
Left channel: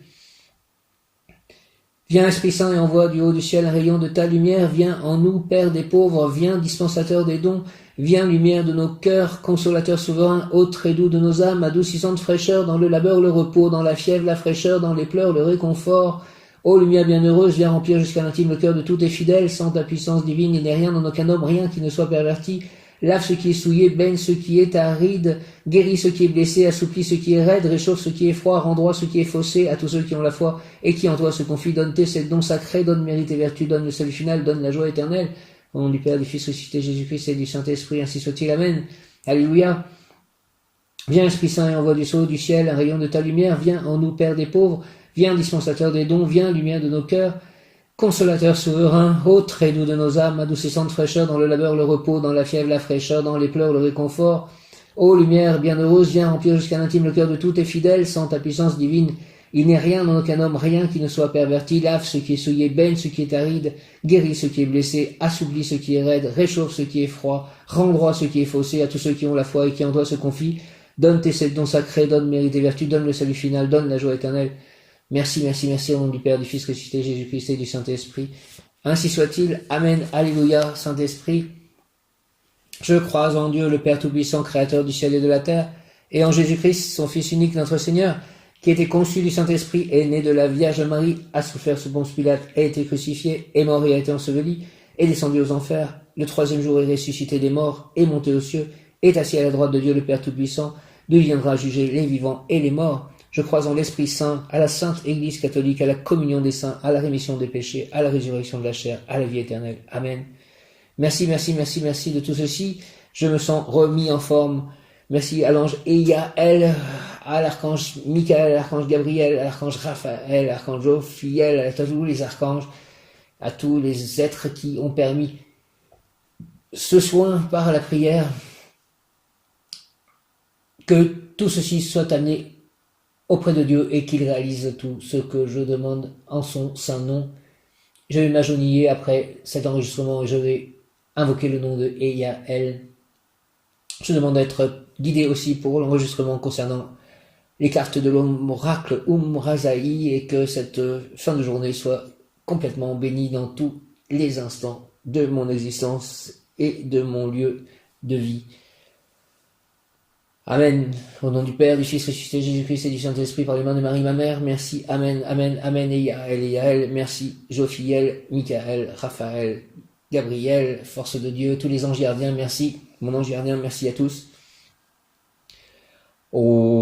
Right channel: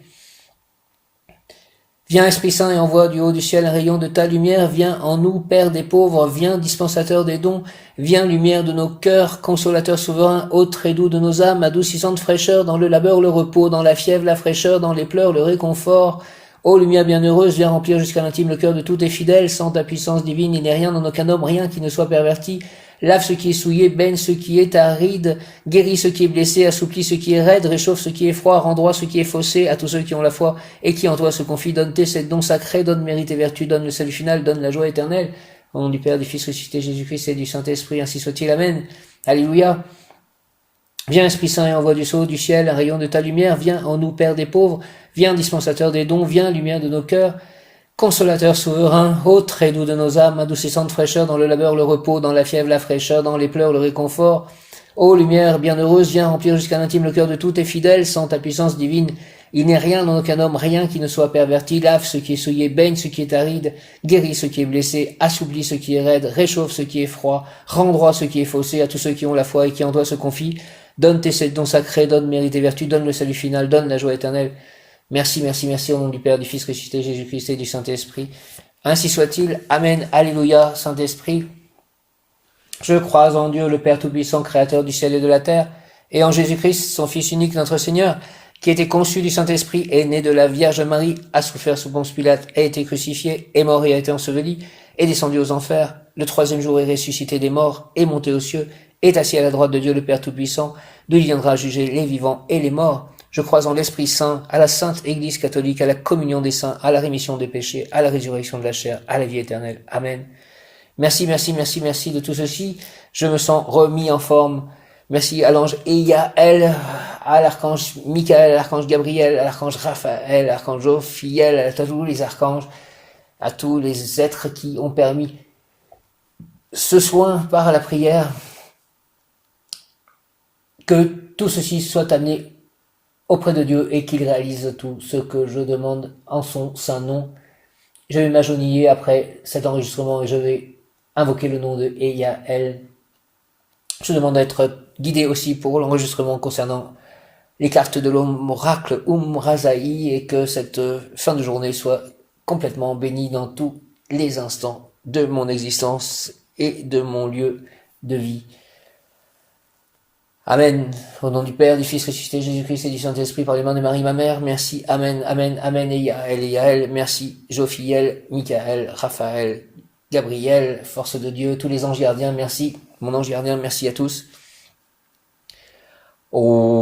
Viens Esprit Saint et envoie du haut du ciel un rayon de ta lumière. Viens en nous, Père des pauvres. Viens dispensateur des dons. Viens lumière de nos cœurs, consolateur souverain, hôte très doux de nos âmes, adoucissante fraîcheur, dans le labeur le repos, dans la fièvre la fraîcheur, dans les pleurs le réconfort. Ô lumière bienheureuse, viens remplir jusqu'à l'intime le cœur de tous tes fidèles. Sans ta puissance divine, il n'est rien en aucun homme, rien qui ne soit perverti. Lave ce qui est souillé, baigne ce qui est aride, guéris ce qui est blessé, assouplis ce qui est raide, réchauffe ce qui est froid, rend droit ce qui est faussé. À tous ceux qui ont la foi et qui en toi se confient, donne tes sept dons sacrés, donne mérite et vertu, donne le salut final, donne la joie éternelle. Au nom du Père, du Fils ressuscité Jésus-Christ et du Saint-Esprit, ainsi soit-il. Amen. Alléluia. Viens Esprit Saint et envoie du haut du ciel un rayon de ta lumière. Viens en nous, Père des pauvres. Viens dispensateur des dons. Viens lumière de nos cœurs. Consolateur souverain, hôte très doux de nos âmes, adoucissante fraîcheur, dans le labeur le repos, dans la fièvre la fraîcheur, dans les pleurs le réconfort. Ô lumière bienheureuse, viens remplir jusqu'à l'intime le cœur de tous tes fidèles, sans ta puissance divine. Il n'est rien dans aucun homme, rien qui ne soit perverti. Lave ce qui est souillé, baigne ce qui est aride, guéris ce qui est blessé, assouplis ce qui est raide, réchauffe ce qui est froid, rend droit ce qui est faussé à tous ceux qui ont la foi et qui en toi se confient. Donne tes sept dons sacrés, donne mérite et vertu, donne le salut final, donne la joie éternelle. Merci, merci, merci au nom du Père, du Fils ressuscité, Jésus-Christ et du Saint-Esprit. Ainsi soit-il. Amen. Alléluia, Saint-Esprit. Je crois en Dieu, le Père Tout-Puissant, Créateur du ciel et de la terre, et en Jésus-Christ, son Fils unique, notre Seigneur, qui était conçu du Saint-Esprit, est né de la Vierge Marie, a souffert sous Ponce Pilate, a été crucifié, est mort et a été enseveli, est descendu aux enfers, le troisième jour est ressuscité des morts, est monté aux cieux, est assis à la droite de Dieu le Père Tout-Puissant, d'où il viendra juger les vivants et les morts. Je crois en l'Esprit Saint, à la Sainte Église catholique, à la communion des saints, à la rémission des péchés, à la résurrection de la chair, à la vie éternelle. Amen. Merci, merci, merci, merci de tout ceci. Je me sens remis en forme. Merci à l'ange Eiaël, à l'archange Michael, à l'archange Gabriel, à l'archange Raphaël, à l'archange Jophiel, à tous les archanges, à tous les êtres qui ont permis ce soin par la prière. Que tout ceci soit amené auprès de Dieu et qu'il réalise tout ce que je demande en son saint nom. Je vais m'agenouiller après cet enregistrement et je vais invoquer le nom de Eiaël. Je demande d'être guidé aussi pour l'enregistrement concernant les cartes de l'oracle Razaï et que cette fin de journée soit complètement bénie dans tous les instants de mon existence et de mon lieu de vie. Amen. Au nom du Père, du Fils ressuscité, Jésus-Christ et du Saint-Esprit, par les mains de Marie, ma mère, merci. Amen, amen, amen. Eiaël, merci. Jophiel, Michael, Raphaël, Gabriel, force de Dieu, tous les anges gardiens, merci. Mon ange gardien, merci à tous. Oh.